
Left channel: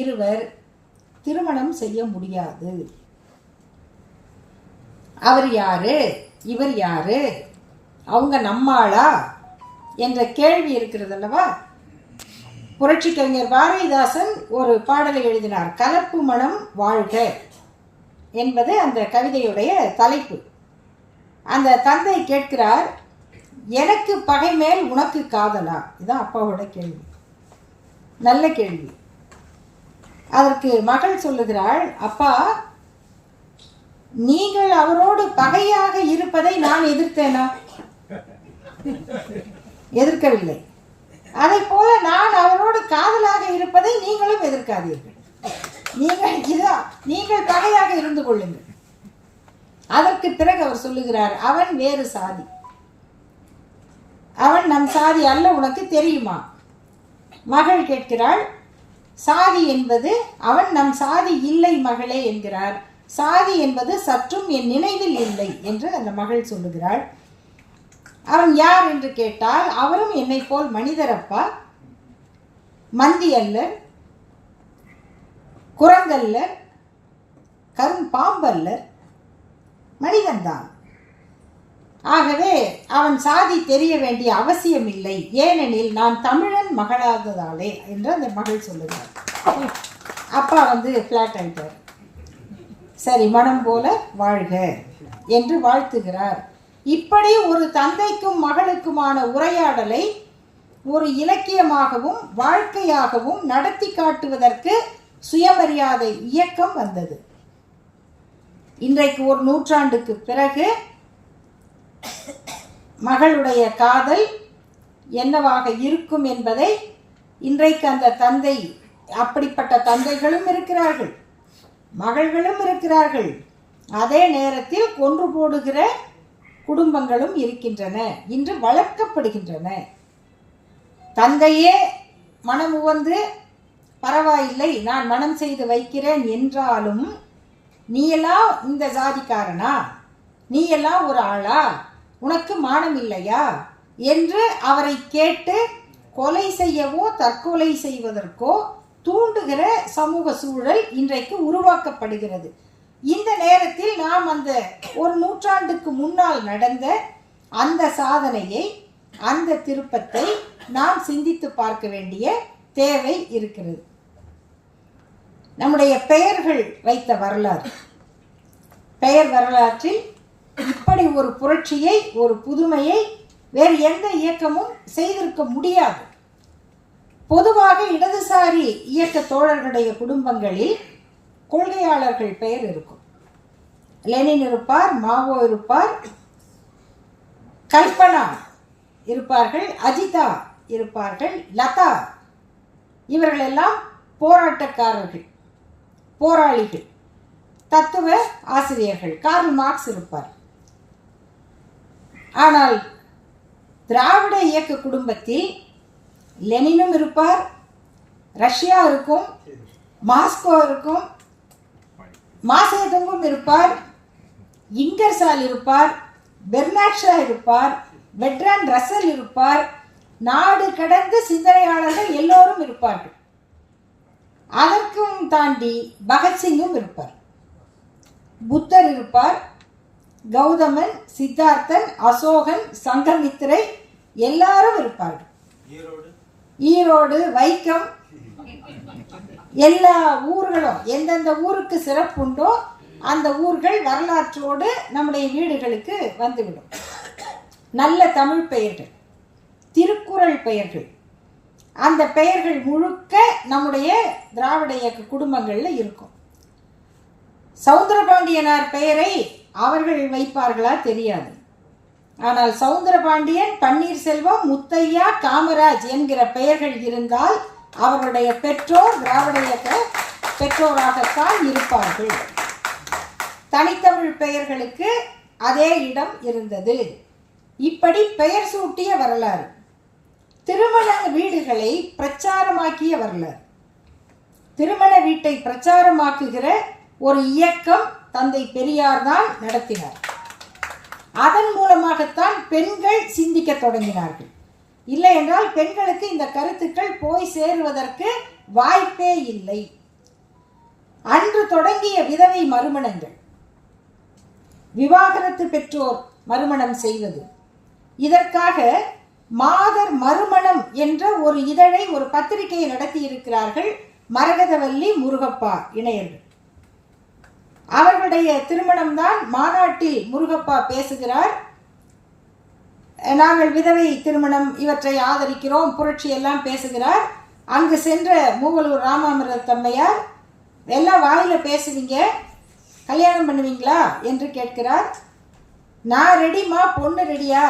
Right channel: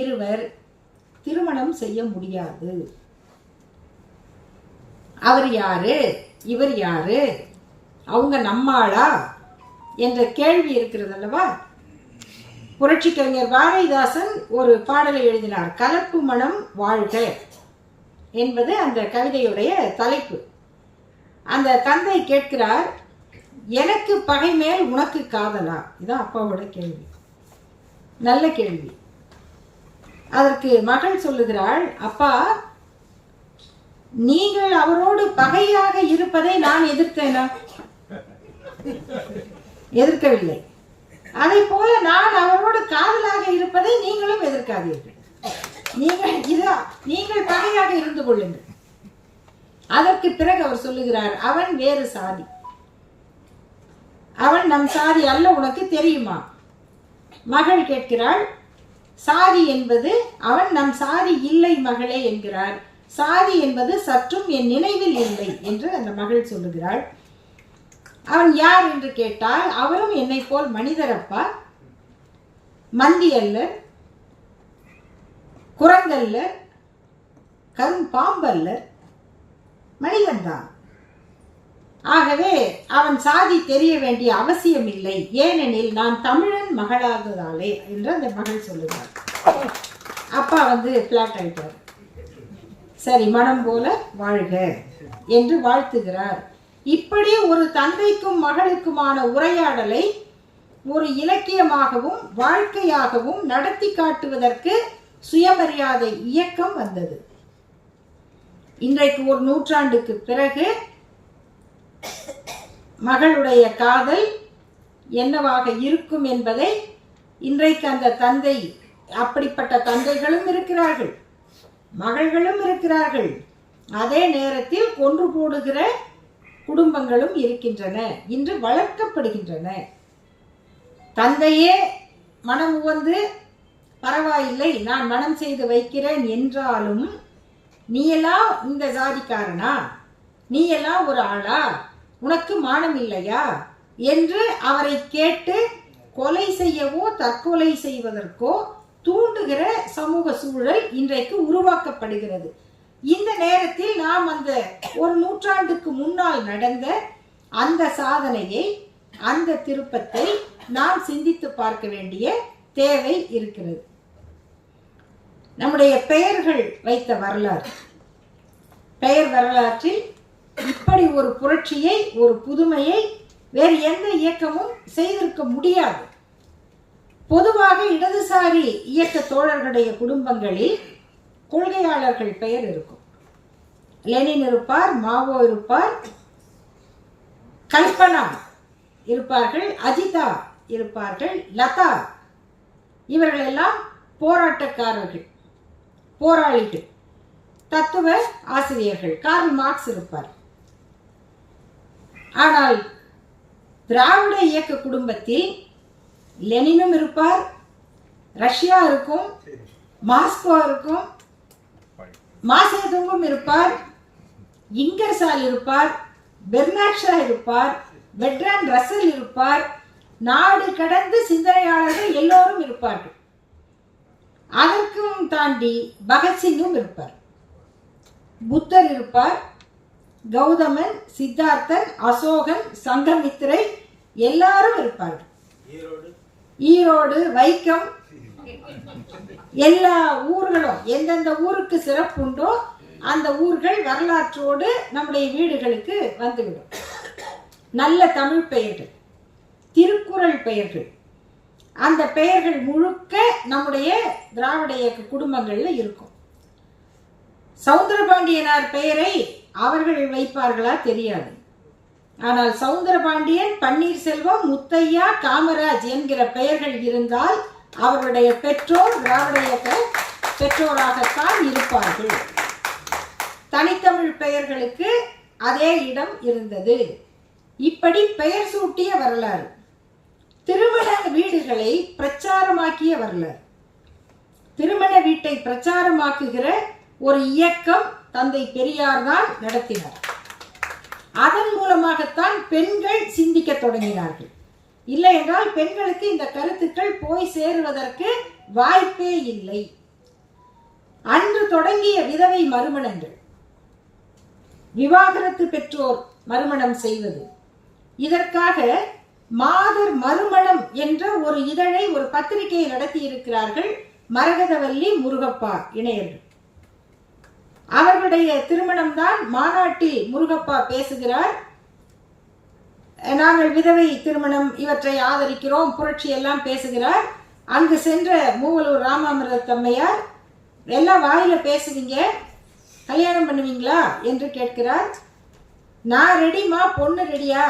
இருவர் திருமணம் செய்ய முடியாது. அவர் யாரு, இவர் யாரு, அவங்க நம்மாளா என்ற கேள்வி இருக்கிறது அல்லவா? புரட்சி கவிஞர் பாரதிதாசன் ஒரு பாடலை எழுதினார், கலப்பு மனம் வாழ்க என்பது அந்த கவிதையுடைய தலைப்பு. அந்த தந்தை கேட்கிறார், எனக்கு பகை மேல் உனக்கு காதலா? இதுதான் அப்பாவோட கேள்வி. நல்ல கேள்வி. அதற்கு மகள் சொல்லுகிறாள், அப்பா, நீங்கள் அவரோடு பகையாக இருப்பதை நான் எதிர்த்தேனா? எதிர்க்கவில்லை. அதை போல நான் அவரோடு காதலாக இருப்பதை நீங்களும் எதிர்க்காதீர்கள். நீங்கள் பகையாக இருந்து கொள்ளுங்கள். அதற்கு பிறகு அவர் சொல்லுகிறார், அவன் வேறு சாதி, அவன் நம் சாதி அல்ல, உனக்கு தெரியுமா? மகள் கேட்கிறாள், சாதி என்பது அவன் நம் சாதி இல்லை மகளே என்கிறார். சாதி என்பது சற்றும் என் நினைவில் இல்லை என்று அந்த மகள் சொல்லுகிறாள். அவன் யார் என்று கேட்டால், அவரும் என்னை போல் மனிதரப்பா, மந்தி அல்லர், குரங்கல்லர், பாம்பல்லர், மனிதன்தான். ஆகவே அவன் சாதி தெரிய வேண்டிய அவசியம் இல்லை, ஏனெனில் நான் தமிழன் மகளாததாலே என்று அந்த மகள் சொல்லுகிறார். அப்பா ஃபிளாட் ஆயிட்டார். சரி, மனம் போல வாழ்க என்று வாழ்த்துகிறார். இப்படி ஒரு தந்தைக்கும் மகளுக்குமான உரையாடலை ஒரு இலக்கியமாகவும் வாழ்க்கையாகவும் நடத்தி காட்டுவதற்கு சுயமரியாதை இயக்கம் வந்தது. இன்றைக்கு ஒரு நூற்றாண்டுக்கு பிறகு மகளுடைய காதல் என்னவாக இருக்கும் என்பதை இன்றைக்கு அந்த தந்தை, அப்படிப்பட்ட தந்தைகளும் இருக்கிறார்கள், மகள்களும் இருக்கிறார்கள், அதே நேரத்தில் கொன்று போடுகிற குடும்பங்களும் இருக்கின்றன, இன்று வளர்க்கப்படுகின்றன. தந்தையே மனம் உவந்து பரவாயில்லை நான் மனம் செய்து வைக்கிறேன் என்றாலும், நீ எல்லாம் இந்த ஜாதிக்காரனா, நீ எல்லாம் ஒரு ஆளா, உனக்கு மானம் இல்லையா என்று அவரை கேட்டு கொலை செய்யவோ தற்கொலை செய்வதற்கோ தூண்டுகிற சமூக சூழல் இன்றைக்கு உருவாக்கப்படுகிறது. இந்த நேரத்தில் நாம் அந்த ஒரு நூற்றாண்டுக்கு முன்னால் நடந்த அந்த சாதனையை, அந்த திருப்பத்தை நாம் சிந்தித்து பார்க்க வேண்டிய தேவை இருக்கிறது. நம்முடைய பெயர்கள் வைத்த வரலாறு, பெயர் வரலாற்றில் இப்படி ஒரு புரட்சியை, ஒரு புதுமையை வேறு எந்த இயக்கமும் செய்திருக்க முடியாது. பொதுவாக இடதுசாரி இயக்க தோழர்களுடைய குடும்பங்களில் கொள்கையாளர்கள் பெயர் இருக்கும். லெனின் இருப்பார், மாவோ இருப்பார், கல்பனா இருப்பார்கள், அஜிதா இருப்பார்கள், லதா, இவர்களெல்லாம் போராட்டக்காரர்கள், போராளிகள், தத்துவ ஆசிரியர்கள். கார்ல் மார்க்ஸ் இருப்பார். ஆனால் திராவிட இயக்க குடும்பத்தில் லெனினும் இருப்பார், ரஷ்யா இருக்கும், மாஸ்கோ இருக்கும், மாசேதுங்கும் இருப்பார், இங்கர்சால் இருப்பார், பெர்னாட் ஷா இருப்பார், பெர்ட்ராண்ட் ரசல் இருப்பார், நாடு கடந்து சிந்தனையாளர்கள் எல்லோரும் இருப்பார்கள். அதற்கும் தாண்டி பகத்சிங்கும் இருப்பார், புத்தர் இருப்பார், கௌதமன், சித்தார்த்தன், அசோகன், சங்கமித்திரை எல்லாரும் இருப்பார்கள். ஈரோடு, வைக்கம், எல்லா ஊர்களும் எந்தெந்த ஊருக்கு சிறப்புண்டோ அந்த ஊர்கள் வரலாற்றோடு நம்முடைய வீடுகளுக்கு வந்துவிடும். நல்ல தமிழ் பெயர்கள், திருக்குறள் பெயர்கள், அந்த பெயர்கள் முழுக்க நம்முடைய திராவிட இயக்க குடும்பங்களில் இருக்கும். சவுந்தரபாண்டியனார் பெயரை அவர்கள் வைப்பார்களா தெரியாது. ஆனால் சவுந்தரபாண்டியன், பன்னீர்செல்வம், முத்தையா, காமராஜ் என்கிற பெயர்கள் இருந்தால் அவர்களுடைய பெற்றோர் திராவிட இயக்க பெற்றோராகத்தான் இருப்பார்கள். தனித்தமிழ் பெயர்களுக்கு அதே இடம் இருந்தது. இப்படி பெயர் சூட்டிய வரலாறு, திருமண வீடுகளை பிரச்சாரமாக்கிய வரலாறு, திருமண வீட்டை பிரச்சாரமாக்குகிற ஒரு இயக்கம் தந்தை பெரியார் தான் நடத்தினார். அதன் மூலமாகத்தான் பெண்கள் சிந்திக்க தொடங்கினார்கள். இல்லை என்றால் பெண்களுக்கு இந்த கருத்துக்கள் போய் சேருவதற்கு வாய்ப்பே இல்லை. அன்று தொடங்கிய விதவை மறுமணங்கள், விவாகரத்து பெற்றோர் மறுமணம் செய்வது, இதற்காக மாதர் மறுமணம் என்ற ஒரு இதழை, ஒரு பத்திரிகையை நடத்தி இருக்கிறார்கள் மரகதவல்லி, முருகப்பா இணையர்கள். அவர்களுடைய திருமணம்தான் மாநாட்டில் முருகப்பா பேசுகிறார். நாங்கள் விதவை திருமணம் இவற்றை ஆதரிக்கிறோம், புரட்சி எல்லாம் பேசுகிறார். அங்கு சென்ற மூவலூர் ராமாமிர்த தம்மையார், எல்லாம் வாயில பேசுவீங்க, கல்யாணம் பண்ணுவீங்களா என்று கேட்கிறார். நான் ரெடிமா, பொண்ணு ரெடியா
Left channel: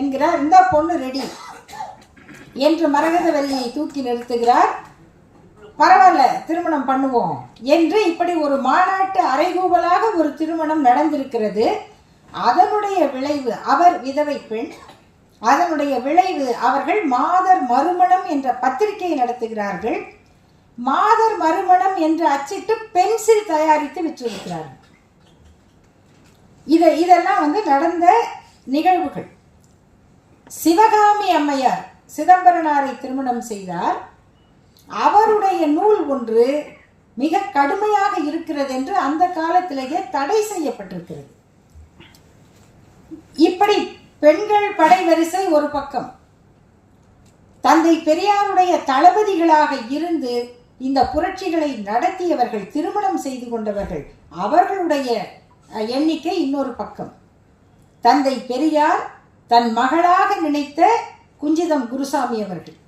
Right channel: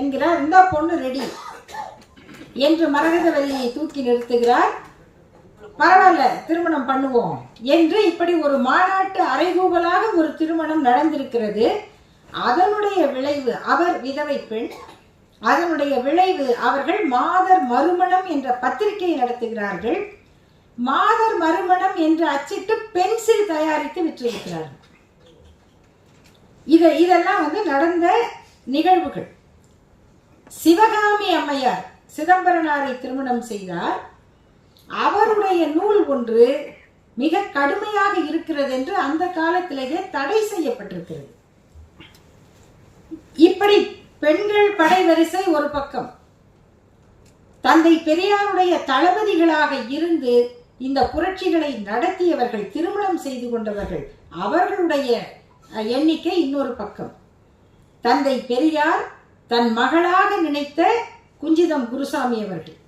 என்கிறார். இந்த பொண்ணு ரெடி என்று மரகதவல்லியை தூக்கி நிறுத்துகிறார். பரவாயில்ல, திருமணம் பண்ணுவோம் என்று இப்படி ஒரு மாநாட்டு அறைகூவலாக ஒரு திருமணம் நடந்திருக்கிறது. அதனுடைய விளைவு, அவர் விதவை பெண், அதனுடைய விளைவு அவர்கள் மாதர் மறுமணம் என்ற பத்திரிகை நடத்துகிறார்கள். மாதர் மறுமணம் என்று அச்சிட்டு பென்சில் தயாரித்து விற்றிருக்கிறார்கள். இதெல்லாம் நடந்த நிகழ்வுகள். சிவகாமி அம்மையார் சிதம்பரனாரை திருமணம் செய்தார். அவருடைய நூல் ஒன்று மிக கடுமையாக இருக்கிறது என்று அந்த காலத்திலேயே தடை செய்யப்பட்டிருக்கிறது. இப்படி பெண்கள் படைவரிசை ஒரு பக்கம், தந்தை பெரியாருடைய தளபதிகளாக இருந்து இந்த புரட்சிகளை நடத்தியவர்கள், திருமணம் செய்து கொண்டவர்கள், அவர்களுடைய எண்ணிக்கை இன்னொரு பக்கம். தந்தை பெரியார் தன் மகளாக நினைத்த குஞ்சிதம் குருசாமி அவர்கள்,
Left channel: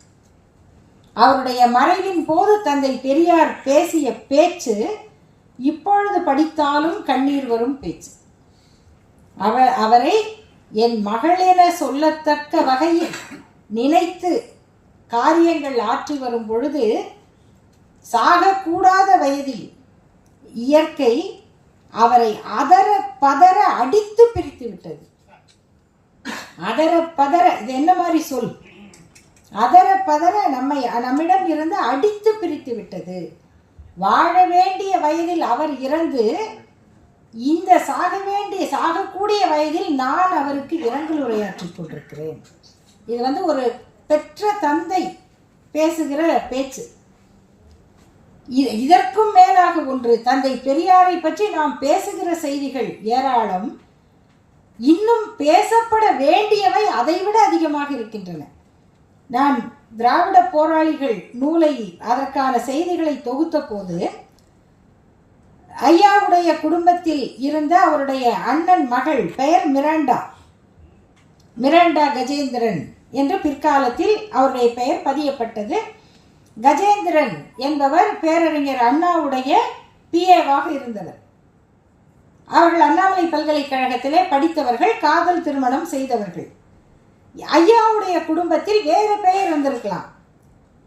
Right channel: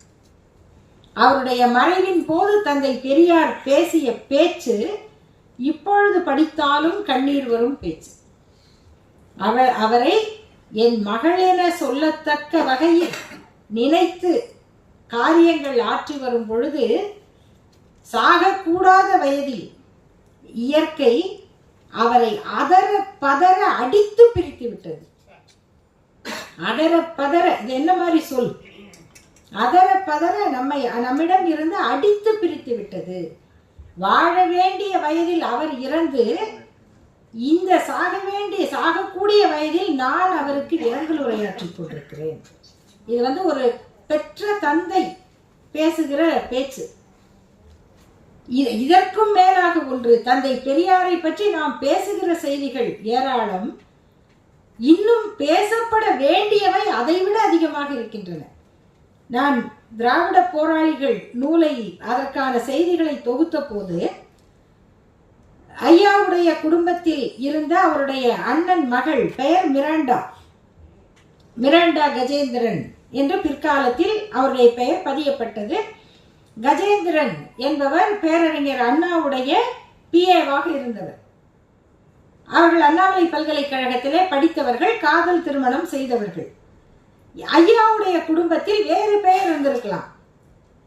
அவருடைய மறைவின் போது தந்தை பெரியார் பேசிய பேச்சு இப்பொழுது படித்தாலும் கண்ணீர் வரும் பேச்சு. அவரை என் மகள் என சொல்லத்தக்க வகையில் நினைத்து காரியங்கள் ஆற்றி வரும் பொழுது, சாகக்கூடாத வயதில் இயற்கை அவரை அதர பதற அடித்து பிரித்து விட்டது. அதர பதற, இது என்ன மாதிரி சொல்? அதர பதற நம்மிடம் இருந்து அடித்து பிரித்து விட்டது. வாழ வேண்டிய வயதில் அவர் இறந்து, இந்த சாகக்கூடிய வயதில் நான் அவருக்கு இரங்கல் உரையாற்றிக் கொண்டிருக்கிறேன். இது ஒரு பெற்ற தந்தை பேசுகிற பேச்சு. இதற்கும் மேலாக ஒன்று, தந்தை பெரியாரை பற்றி நாம் பேசுகிற செய்திகள் ஏராளம். இன்னும் பேசப்பட வேண்டியவை அதைவிட அதிகமாக இருக்கின்றன. நான் திராவிட போராளிகள் நூலை, அதற்கான செய்திகளை தொகுத்த போது, ஐயாவுடைய குடும்பத்தில் இருந்த அவருடைய அண்ணன் மகள் பெயர் மிராண்டா கஜேந்திரன் என்று பிற்காலத்தில் அவருடைய பெயர் பதியப்பட்டது. கஜேந்திரன் என்பவர் பேரறிஞர் அண்ணாவுடைய பிஏவாக இருந்தவர். அவர்கள் அண்ணாமலை பல்கலைக்கழகத்திலே படித்தவர்கள், காதல் திருமணம் செய்தவர்கள். ஐயாவுடைய குடும்பத்தில் வேறு பெயர் இருந்திருக்கலாம்.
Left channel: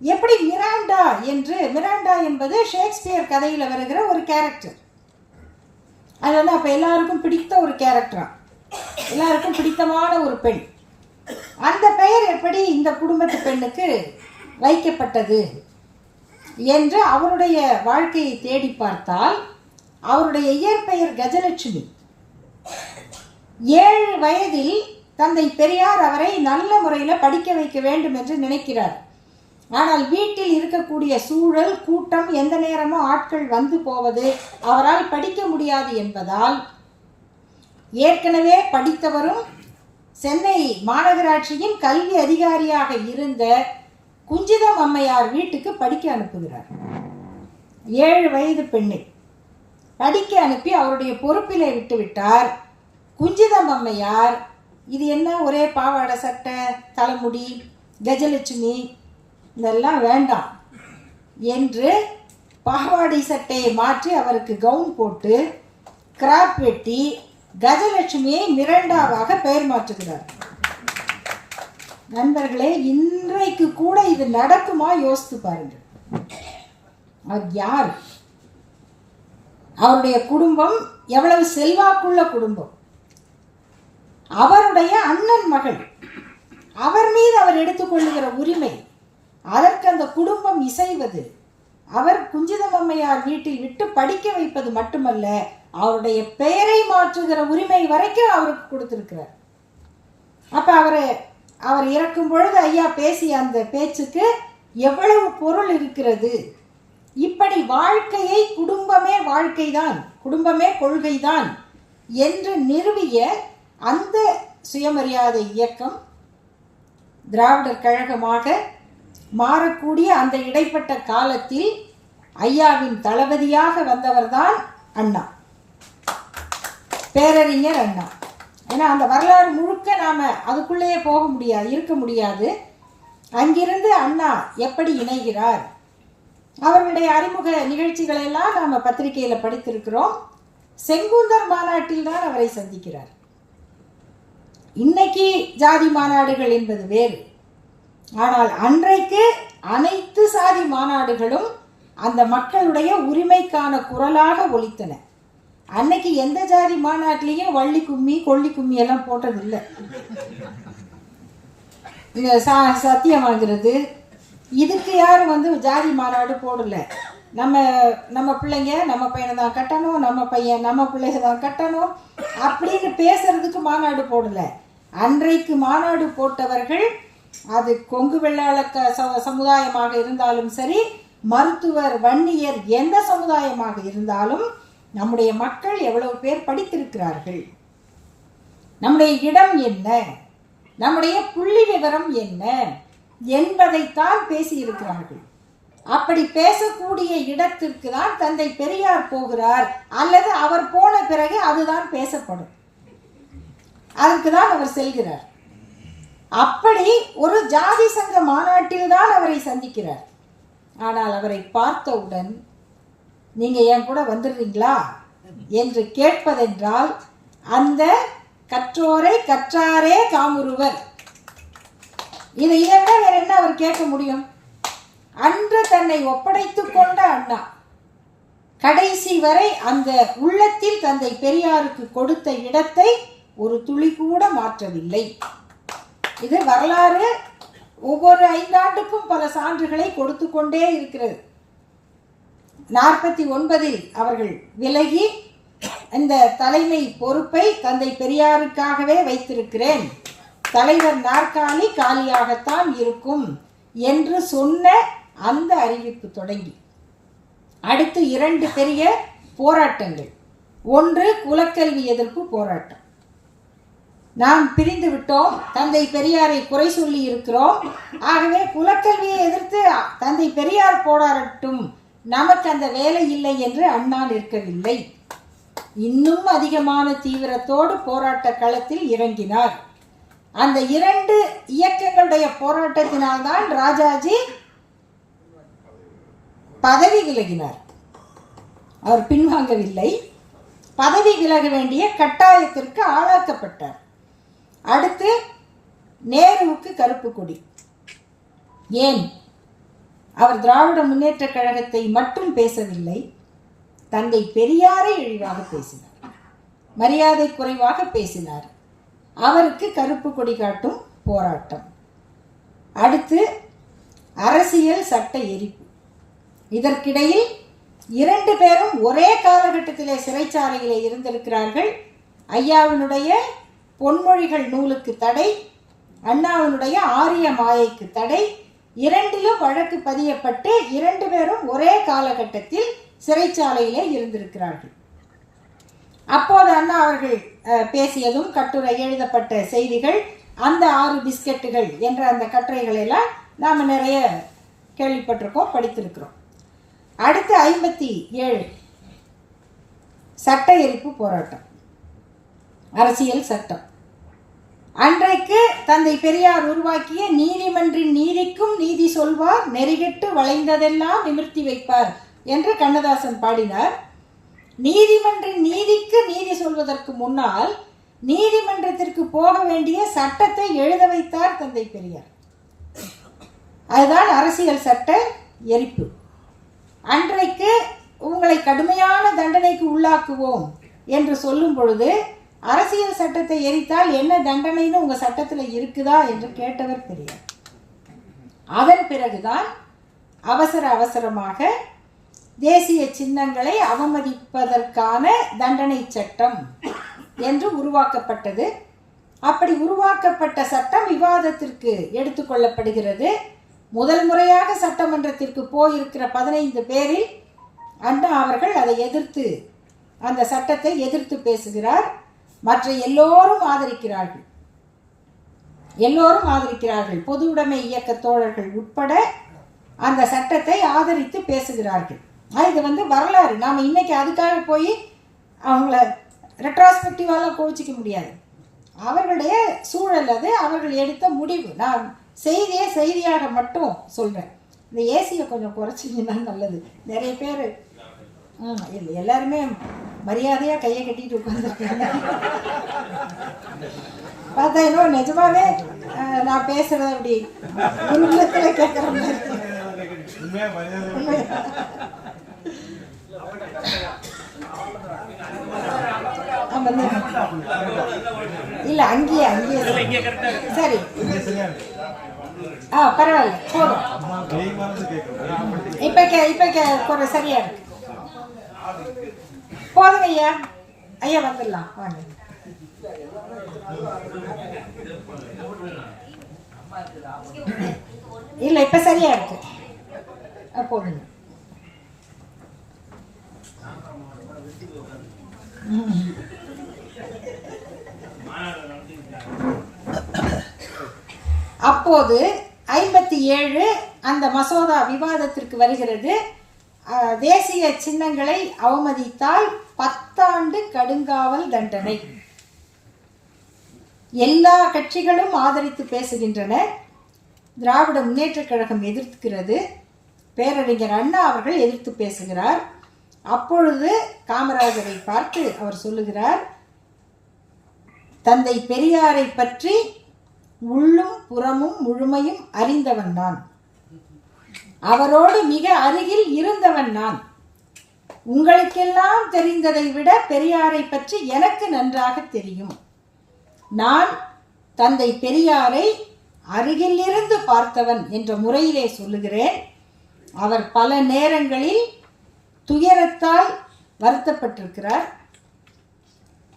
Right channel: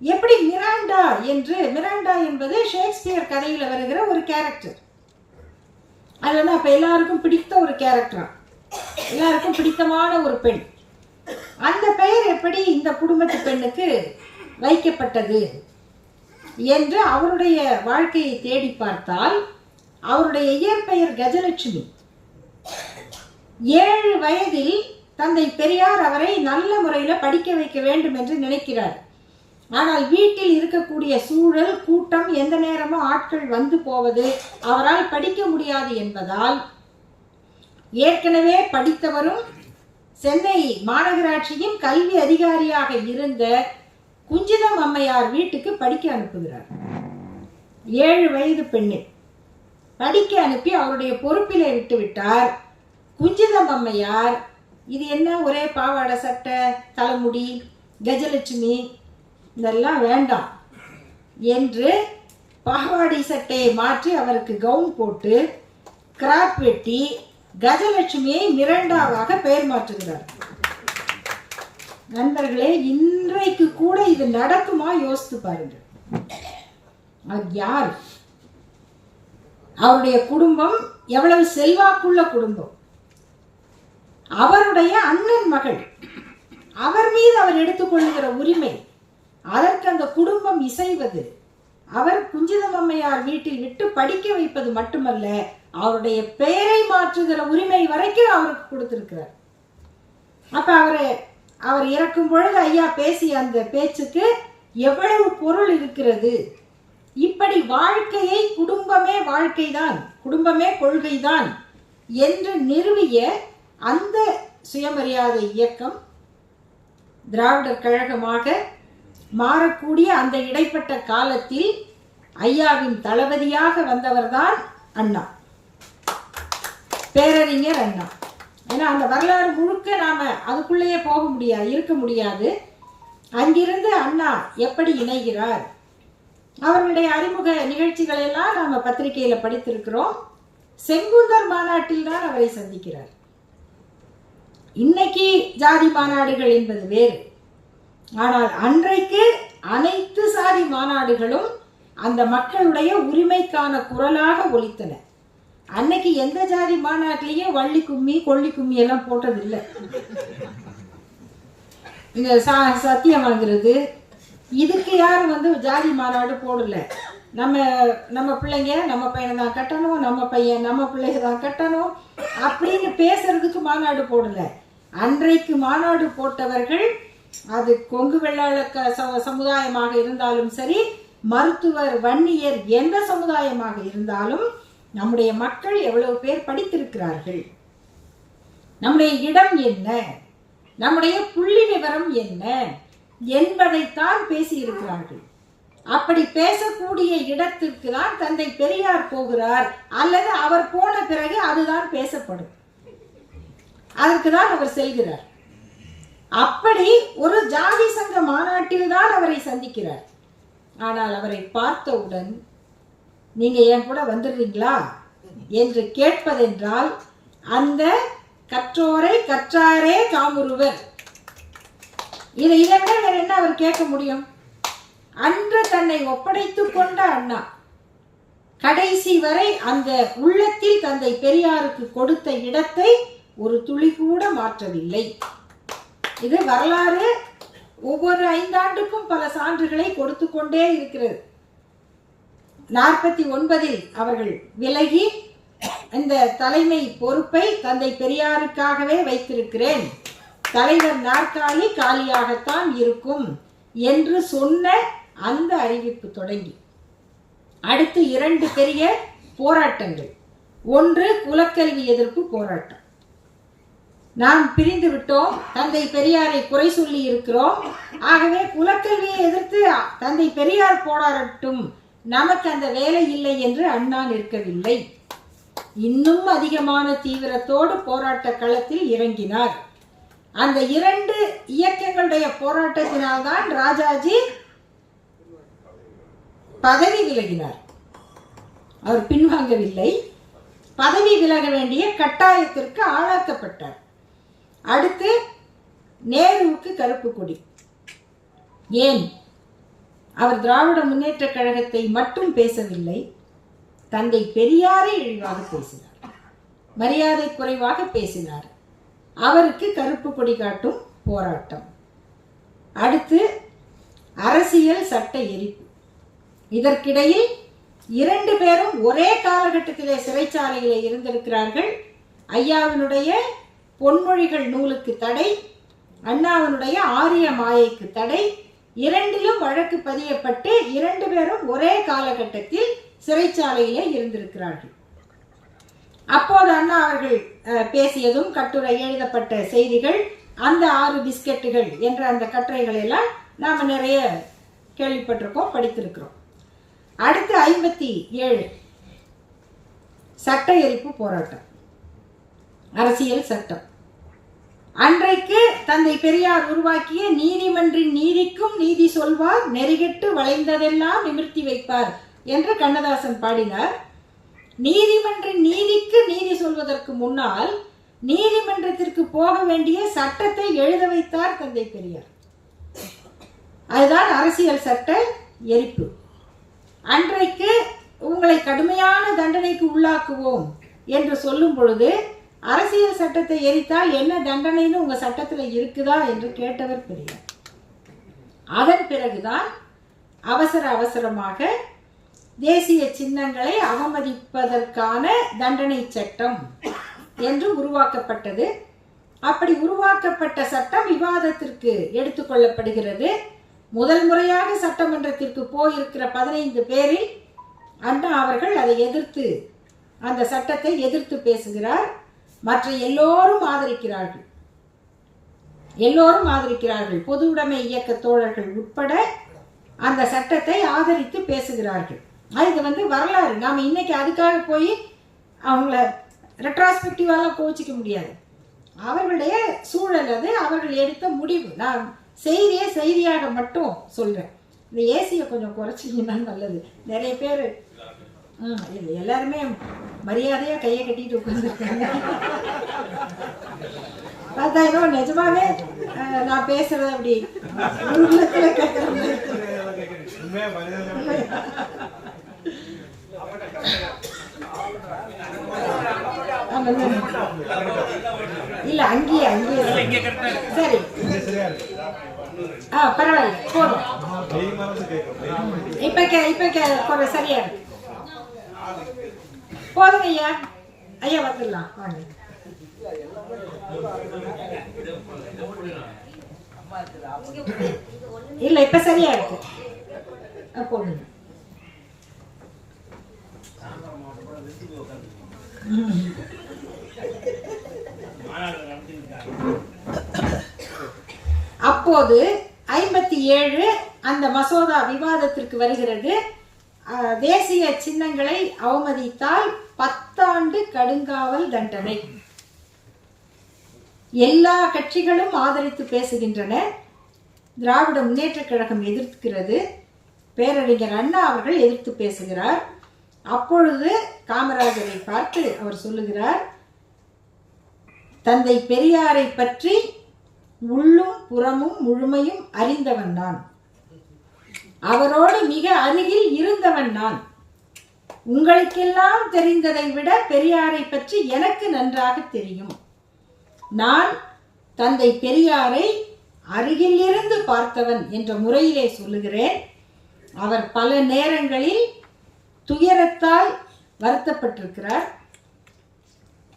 எப்படி மிராண்டா என்று? மிராண்டா என்பது ஷேக்ஸ்பியர் கதையில் வருகிற ஒரு கேரக்டர். அது அப்ப எல்லாருக்கும் பிடித்த ஒரு கேரக்டரா, எல்லாருக்கும் பிடித்தமான ஒரு பெண். அந்த பெயர் எப்படி இந்த குடும்பத்து பெண்ணுக்கு வைக்கப்பட்டது என்று அவருடைய வாழ்க்கையை தேடி பார்த்தால், அவருடைய இயற்பெயர் கஜலட்சுமி. 7 வயதில் தந்தை பெரியார் அவரை நல்ல முறையில் படிக்க வைக்க வேண்டும் என்று நினைக்கிறார். ஆனால் வீட்டில் இருக்கக்கூடிய சூழல், கூட்டம், எந்த நேரமும் ஆட்கள் வந்து போவது, அவரால் படிக்க முடியாது என்பதால், ஏற்கனவே படித்தவரும் சென்னை மாநகராட்சியின் கல்வி அதிகாரியாக இருந்த குஞ்சிதம் அம்மையார் வீட்டுக்கு படிக்க அனுப்புகிறார். 7 வயது பெண்ணை படிக்க அனுப்பி அவருடைய பொறுப்பிலே விட்டுவிட்டார். குஞ்சிதம் அம்மையார், இது என்ன ஒரே பாவாடை சட்டை, தலைமுடி, கஜலட்சுமி, இதெல்லாம் வேண்டாம் என்று பாவாடை சட்டையை மாற்றி அவருக்கு கவுன் போட்டு கிராப் வெட்டி கஜலட்சுமியை மிரண்டாவாக பெயர் மாற்றுகிறார். நண்பர்களே, இன்றைக்கு கூட இது நடக்குமா யோசித்து பாருங்க. அவர் யார்? அவருடைய குடும்பம் எவ்வளவு செல்வாக்குள்ள குடும்பம். அவருடைய அண்ணன் மகள், அவர் மீது அவர் எடுத்துக்கொள்ளுகிற உரிமை, அதற்கு அந்த குடும்பம் இசைவது, அவர் குஞ்சிதம் அம்மையார் வீட்டில் விட்டு படிக்க வைப்பது மட்டுமல்ல, அவருடைய பெயரை மாற்றுகிற உரிமை வரைக்கும் அவருக்கு கொடுத்திருக்கிறார். அப்ப அவர் இறக்கும் பொழுது ஐயா பேசிய அந்த பேச்சுக்கு எவ்வளவு பொருள் இருக்கிறது. இப்படி வாழ்க்கையை குடும்பமே வாழ்க்கைதான், குடும்பமே கொள்கைதான் என்று நிறுவிய அந்த சுயமரியாதை இயக்கம் திராவிடர் கழகமாக மாறக்கூடிய அந்த இடைப்பட்ட காலத்தில் ஐயாவின் தளபதியாக வந்தவர்தான் அண்ணா, பேரறிஞர் அண்ணா. ஏன்னா அந்த வரலாறு முழுக்க நாம் அதுக்குள்ளேயே போக முடியாது, இருக்க முடியாது. அங்கிருந்து அண்ணா எப்படி இணைகிறார், அவர்களுடைய அறிமுக நிகழ்ச்சிகளை எல்லாம் நாம் பத்திரிகையில் படித்திருக்கிறோம். செங்குந்தர் மாநாட்டில் தான் அவரை சந்திக்கிறார். இன்னைக்கு ஜாதி மாநாடுகள் என்பது வேறு. ஆனால் அன்றைக்கு அனைத்து சாதி மாநாடுகளும் அந்த மக்களுடைய உரிமைக்கான குரலாக ஒலித்தன. அன்னைக்கு எந்த ஜாதி மாநாட்டிலையும் வள்ளி கும்மி கொள்ளி கும்மி எல்லாம் போட்டதில்லை. இந்த சத்தியம் வாங்குறது இதுக்கு யாரும் வந்து ஜாதி மாநாடு போடல. நம்ம நம்ம பிள்ளைங்க நம்ம பையனை தான் கட்டணும், நம்ம பையன் நம்ம பிள்ளைங்க தான் கட்டணும் அப்படின்னு பேசுறதுக்கு மாநாடு போடல. அன்றைக்கு மாநாடு போட்டவர்கள் அது கொங்கு வெள்ளாள சமுதாயமாக இருந்தாலும் சரி, மருத்துவர் வன்னியர் எந்த சமுதாயமாக இருந்தாலும் நம்முடைய மக்கள் எவ்வளவு பேர் படித்திருக்கிறார்கள், நம்முடைய இடம் என்ன, நம்முடைய புள்ளி விவரம் என்ன என்பதைத்தான் பேசியிருக்கிறார்கள். அப்படி பேசக்கூடிய இடத்திற்கு தான் தந்தை பெரியார் போகிறார், அல்லது அவர் போன பிறகு அதுதான் பேசப்படும், அதற்கு தான் அவர் செல்கிறார். அப்படி ஒரு ஜாதி சங்க மாநாட்டில் தான் அவரை சந்திக்கிறார். ஆனால் அவரை பார்த்தவுடன் நீங்க என் கூட வந்துடுறீங்களா என்று கேட்பதென்றால் அந்த கற்றோரை கற்றாரே காமுறுவர், இதை விட வேற என்ன அவர் கேட்க முடியும்? அன்று தன்னை ஒப்படைத்துக் கொண்ட அண்ணா கடைசி வரை அந்த உள்ளத்தில் தந்தை பெரியாருக்கு கொடுத்த இடத்தை ஒரு துளி கூட மாற்றவில்லை. இது வரலாறு ஒவ்வொரு 5 ஆண்டுக்கும் பல சான்றுகளை கொடுத்து கொண்டே இருக்கிறது. 49 அவர்கள் விலகி இந்த தலைமை பொறுப்பை தந்தை பெரியாருக்காகவே வைத்திருக்கிறேன், தலைவர் நாற்காலி காலியாகத்தான் இருக்கும் என்று சொன்ன அந்த அறிவிப்பு தொடங்கி அடுத்து 2 பெரிய போராட்டங்கள். ஒன்று குலக்கல்வி எதிர்ப்பு போராட்டம். நாம் பிரிந்து விட்டோம், தந்தை பெரியாரை குறை சொல்லி இருக்கிறோம், ஆகவே குலக்கல்வியை எதிர்த்து தந்தை பெரியார் போராடட்டும், நமக்கு அந்த வேலை இல்லை என்று அண்ணா நிற்கவில்லை. இன்னும் அதிகமான தீவிரத்தோடு போராட்ட களத்தில் இறங்கினார். அந்த 2 இயக்கங்களுடைய போராட்டத்தினால்தான் ராஜாஜி பதவி விலகினார். அவர் பின்வாங்கவில்லை, பதவி விலக வேண்டிய கட்டாயத்திற்கு ஆளாக்கப்பட்டார். அடுத்து நேருவுக்கு கருப்பு கொடி. ஏன்? அவர் திராவிட முன்னேற்ற கழகத்தை மட்டும் பேசவில்லை, தந்தை பெரியாரை இழிவாக பேசினார், மரியாதை குறைவாக பேசினார். அவருக்கு கருப்பு கொடி காட்டும் போராட்டம். அடுத்து அரசியல் சட்ட எரிப்பு. இதற்கிடையில் 2 பேரும் ஒரே காலகட்டத்திலே சிறைச்சாலையிலே இருந்திருக்கிறார்கள். ஐயாவினுடைய பொன்மொழிகள் நூலுக்கு தடை, அண்ணாவினுடைய ஆரிய மாயைக்கு தடை, 2லும் வழக்கு பதியப்பட்டு 2 பேரும் ஒரே காலகட்டத்தில் சிறைச்சாலையிலே இருந்திருக்கிறார்கள். அப்போது அண்ணா அவர்கள் பேசியதும் கட்டுரை எழுதப்பட்ட செய்திகள், அந்த 6 பிஸ்கெட்டுகள் என்ற அந்த கட்டுரைகள் எல்லாம் நாம் நிறைய கேள்விப்பட்டிருக்கோம், படித்திருக்கிறோம். அடுத்து 57 சட்ட எரிப்பு போராட்டம், அரசியல் சட்டம். அன்றைக்கு தந்தை பெரியார் உருவாக்கிய நீதிமன்றின் நீதிக்கும் நீதி சொல்வார், நெறிகெட்டு வளைந்ததெல்லாம் நிமிர்த்தி வைப்பார் என்று கண்ணதாசன் பாடினார். நீதிமன்றின் நீதிக்கு நீதி சொல்வதற்கு முன்னால் நீதிமன்றத்திற்கு போக வேண்டிய சட்டத்தை எழுத வைத்தார் தந்தை பெரியார். அதுதான் அரசியல் சட்ட எரிப்பு. அன்றைக்கு உங்களை கடுமையான தண்டனைக்கு உள்ளாக்குவோம் என்று சொல்லும் பொழுது அரசியல் சட்டத்தை எரித்தால் என்ன தண்டனைன்னு உங்க சட்டத்தில் இருக்குதா என்று கேட்டவர் பெரியார். அதன் பிறகுதான் அவசரமாக தேசிய சின்னங்களை அவமதிப்பதற்கான தண்டனை சட்டம் என்று உருவாக்கப்பட்டது. அப்படி உருவாக்கப்பட்ட சட்டம் விவாதத்திற்கு எடுத்துக்கொள்ளப்படுகிறது. முதல் முறையாக சட்டமன்றத்திற்கு போயிருக்கிற 15 பேரில் அண்ணா அவர்கள் அதை எதிர்த்து, அந்த சட்டத்தை எதிர்த்து பேசுகிறார். மற்ற எல்லோரும் ஆதரிக்கிறார்கள். பொது உடைமை இயக்க தோழர்கள் உட்பட அந்த சட்டத்தை ஆதரித்து பேசுகிறார்கள். இது வரலாறு. நாம் இன்னைக்கு அதுக்காக போய் அவங்கள ரெட்ராஸ்பெக்டிவாலாம் கோச்சிக்க முடியாது. அவர்களுடைய சூழல் அது, அவர்கள் எடுத்த முடிவு. நான் செய்தியாக மட்டும் சொல்கிறேன். இந்த ஏசியை கொஞ்சம் குறைச்சிங்கன்னா நல்லது. நிறைய பேர் இல்லை, எல்லாருமே மரியாதையாக கையை கட்டிட்டு உட்காந்துருக்காங்க. பார்த்தா நிஜமாவே நான் பேசுறது அப்படி உள்ளத்தில் கேட்குற மாதிரி. இல்ல அங்கேயே சரி. பரவாயில்ல, போதும். இப்ப சரியா இருக்கு. போதுங்க ஐயா. ஐயா வந்துடலாம், வாங்க. இல்ல இப்ப சரியா இருக்கு, போதுங்க. அப்போது 57 அந்த மசோதா விவாதத்திற்கு வருகிறது. தேசிய சின்னங்களை அவமதித்தால் 10 ஆண்டு கடுங்காவல் தண்டனை. எல்லா கட்சிகளும் ஆதரித்து பேசுகின்றன. திராவிட முன்னேற்ற கழகம் எதிர்க்கிறது. பேரறிஞர் அண்ணா அவர்கள் எதிர்த்து பேசுகிறார். அப்பொழுது காமராஜரை பார்த்து அவர் சொல்லுகிறார், தந்தை பெரியாரை பற்றி உள்ளும் புறமும் முழுமையும் அறிந்தவன் நான், அவரோடு மிக அருகில் இருந்தவன் நான். உங்களுக்கெல்லாம் தெரிந்ததை விட பெரியாரை பற்றி எனக்கு நன்றாக தெரியும். நான் தந்தை பெரியாரை அருகில் இருந்து பார்த்தவன் என்ற முறையிலே சொல்லுகிறேன். அவர் பல நேரங்களில் துயரத்தால் வருத்தப்பட்டிருக்கிறார்,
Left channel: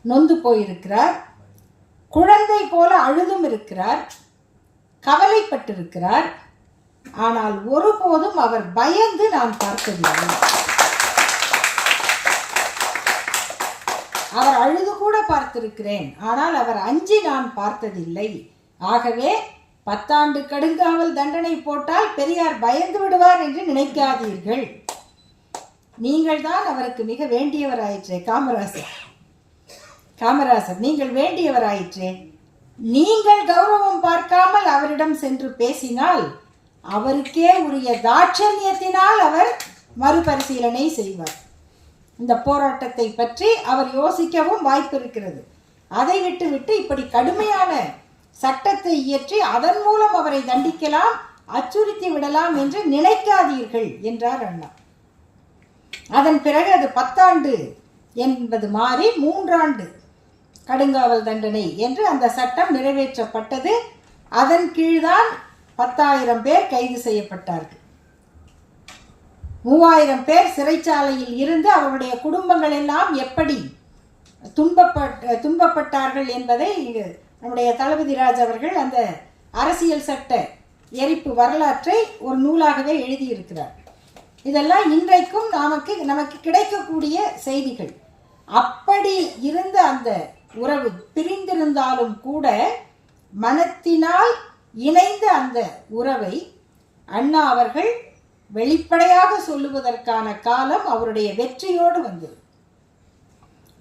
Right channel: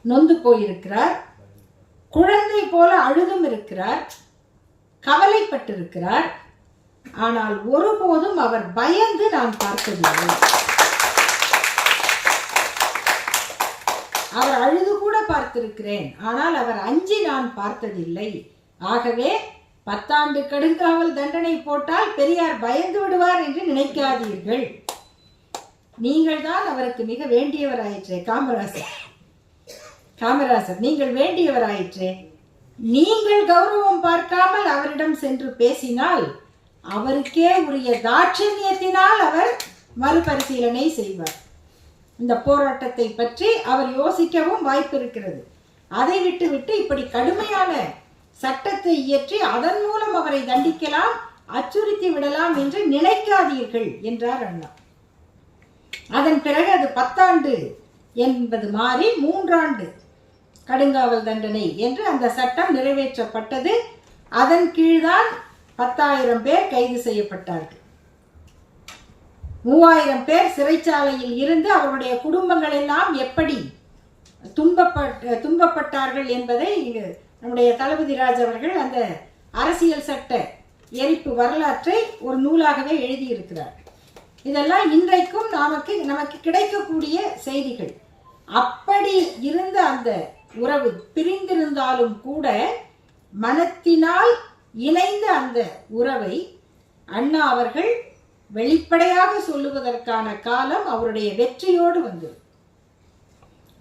நொந்து போயிருக்கிறார், குழந்தை போல அழுதும் இருக்கிறார், கவலைப்பட்டிருக்கிறார். ஆனால் ஒருபோதும் அவர் பயந்து நான் பார்த்ததில்லை. அவர் அழுது கூட பார்த்திருக்கிறேன், ஆனால் அவர் அஞ்சி நான் பார்த்ததில்லை. ஆகவே 10 ஆண்டு கடுங்காவல் தண்டனை போட்டால் பெரியார் பயந்து விடுவார் என்று நினைக்காதீர்கள். நீங்கள் தான் அவருக்கு மிக வேண்டியவராயிற்றே. காமராசர் நீங்கள் வேண்டியவராயிற்றே. நீங்கள் கௌரவம் பார்க்காமல் அவரிடம் சென்று பேசினால் அவருக்கே உரிய தாட்சண்யத்தினால் அவர் மறுபரிசீலனை செய்வார். இந்த போராட்டத்தை பற்றி அவர் யோசிக்கவும் வாய்ப்பு இருக்கிறது. அதை விட்டுவிட்டு இப்படி கடுமையான சட்டத்தை இயற்றி அதன் மூலம் அவரை தண்டிக்கலாம், அச்சுறுத்தி விடலாம் என்று நினைக்காதீர்கள் என்றார் அண்ணா. அதன் பிறகு அது 10 ஆண்டு என்பது மாறி 3 ஆண்டு கடுங்காவல் தண்டனை என்று அந்த சட்டம் நிறைவேற்றப்பட்டது. அதன் கீழ்தான் 10,000 பேர் கைது செய்யப்பட்டார்கள். 3000 பேர் சிறைச்சாலையில் இருந்து அவருடைய குடும்பங்கள் எல்லாம் எப்படி துன்பப்பட்டார்கள் என்பதை நம்முடைய தளபதி ராஜ் அவர்கள் அந்த அரசியல் சட்ட எரிப்பு வரலாற்றை ஒரு நூலாகவே எழுதியிருக்கிறார். இதெல்லாம் இன்றைக்கும் நமக்கு கிடைக்கக்கூடிய செய்திகள். அப்படி இருந்த அந்த உறவு பிரிந்திருந்தாலும் கூட மனத்தினால் இணைந்த அந்த உறவை அண்ணா அவர்கள் வெளிப்படையாக சொல்லுவதற்கான காலம் அவருடைய வெற்றியோடு வந்தது.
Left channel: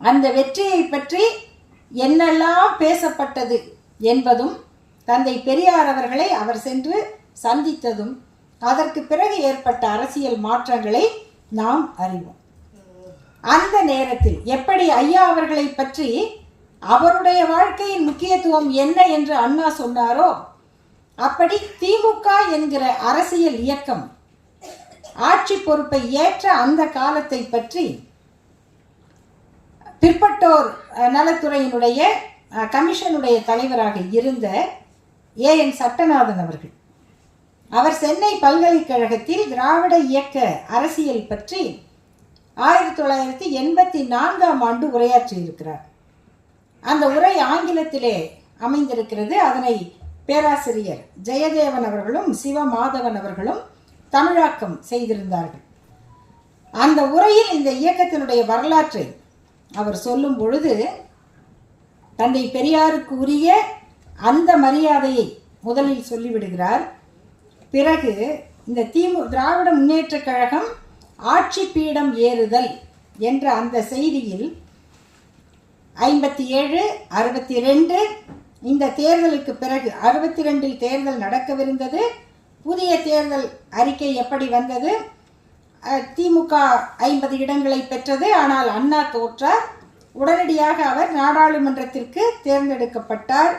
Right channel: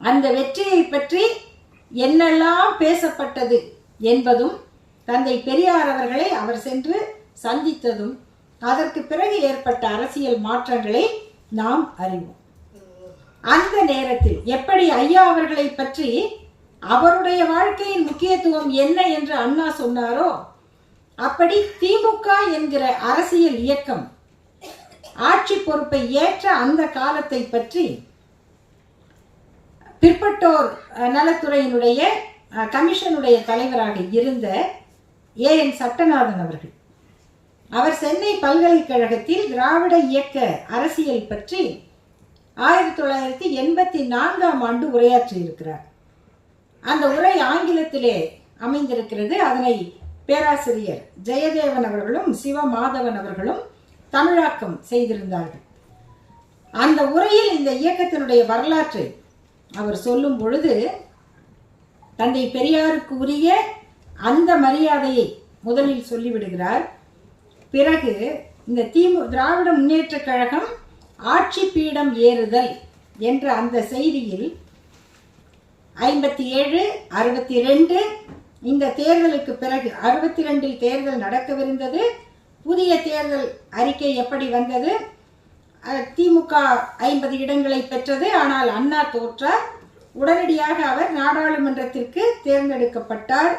அந்த வெற்றியை பற்றி என்னெல்லாம் பேசப்பட்டது என்பதும் தந்தை பெரியார் அவர்களை அவர் சென்று சந்தித்ததும் அதற்கு பிறகு ஏற்பட்ட அரசியல் மாற்றங்களை நாம் அறிவோம். அந்த நேரத்தில் எப்படி ஐயா அவர்களை பற்றி அவருடைய வாழ்க்கையின் முக்கியத்துவம் என்ன என்று அண்ணா சொன்னாரோ, அப்படி திமுக என்கிற அரசியல் இயக்கம் ஆட்சி பொறுப்பை ஏற்ற அந்த காலத்தை பற்றி பிற்பட்டோர் நலத்துறையினுடைய கமிஷனுடைய தலைவராக இருந்த ஏஎன் சட்டநாதன் அவர்கள், அவர் சென்னை பல்கலைக்கழகத்தில் திராவிட இயக்க அரசியல் பற்றி 1984ஆம் ஆண்டு உரையாற்றியிருக்கிறார். அந்த உரை ஆங்கிலத்திலே அமைந்திருக்கிறது. அதனை பேராசிரியர் ஜெயதேவன் அவர்களும் சிவமாதவன் அவர்களும் தமிழாக்கம் செய்திருந்தார்கள். அந்த உரையில் இந்த இயக்கத்தினுடைய வரலாற்றை அவர் சொல்லும் பொழுது தந்தை பெரியாருக்கு உரிய அந்த மரியாதையை முதலில் சொல்லிவிடுகிறார். பிறகு இந்த திராவிட முன்னேற்ற கழகம் ஆட்சி பீடம் ஏறுதல் என்ற அந்த செய்தியில் 57, 62 இந்த தேர்தலுக்கு பிறகு 62 தேர்தல் நடக்கவிருந்தது. புதிய தேர்தல் அறிக்கை எப்படி வந்தது? திமுக 50 இடங்களை பெற்றது. ஆனால் அண்ணா தோற்றார். உடனடியாக அவர் நாடாளுமன்றத்திற்கு தேர்ந்தெடுக்கப்பட்டார்.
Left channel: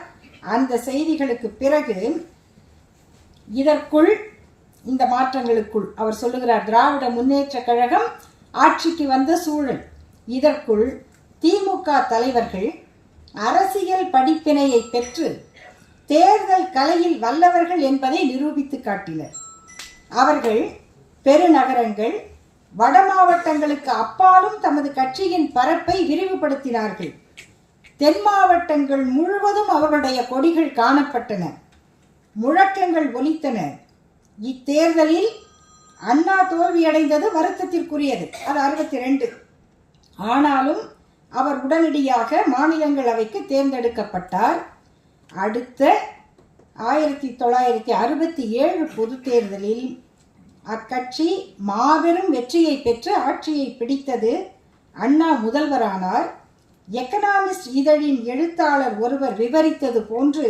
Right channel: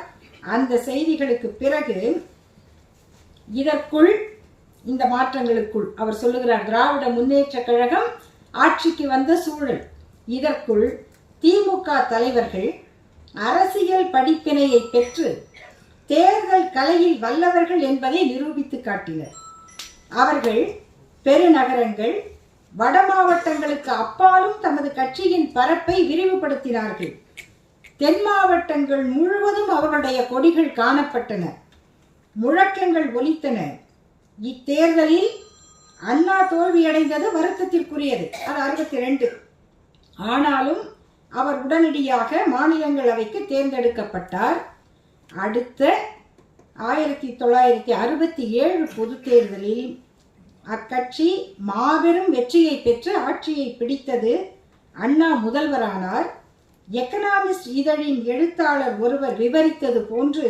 அந்த செய்திகளுக்கு பிறகு இதற்குள் இந்த மாற்றங்களுக்குள் அவர் சொல்லுகிறார், திராவிட முன்னேற்ற கழகம் ஆட்சிக்கு வந்த சூழல். இதற்குள் திமுக தலைவர்கள் அரசியல் படிப்பினையை பெற்று தேர்தல் கலையில் வல்லவர்கள் என்பதை நிரூபித்து காட்டினர். அவர்கள் பெருநகரங்கள், வட மாவட்டங்களுக்கு அப்பாலும் தமது கட்சியின் பரப்பை விரிவுபடுத்தினார்கள். தென் மாவட்டங்கள் முழுவதும் அவர்களுடைய கொடிகள் காணப்பட்டன, முழக்கங்கள் ஒலித்தன. இத்தேர்தலில் அண்ணா தோல்வியடைந்தது வருத்தத்திற்குரியது. அது 62. ஆனாலும் அவர் உடனடியாக மாநிலங்களவைக்கு தேர்ந்தெடுக்கப்பட்டார். அடுத்த 1967 பொது தேர்தலில் அக்கட்சி மாபெரும் வெற்றியை பெற்று ஆட்சியை பிடித்தது. அண்ணா முதல்வரானார். எக்கனாமிஸ்ட் இதழின் எழுத்தாளர் ஒருவர் விவரித்தது போன்று,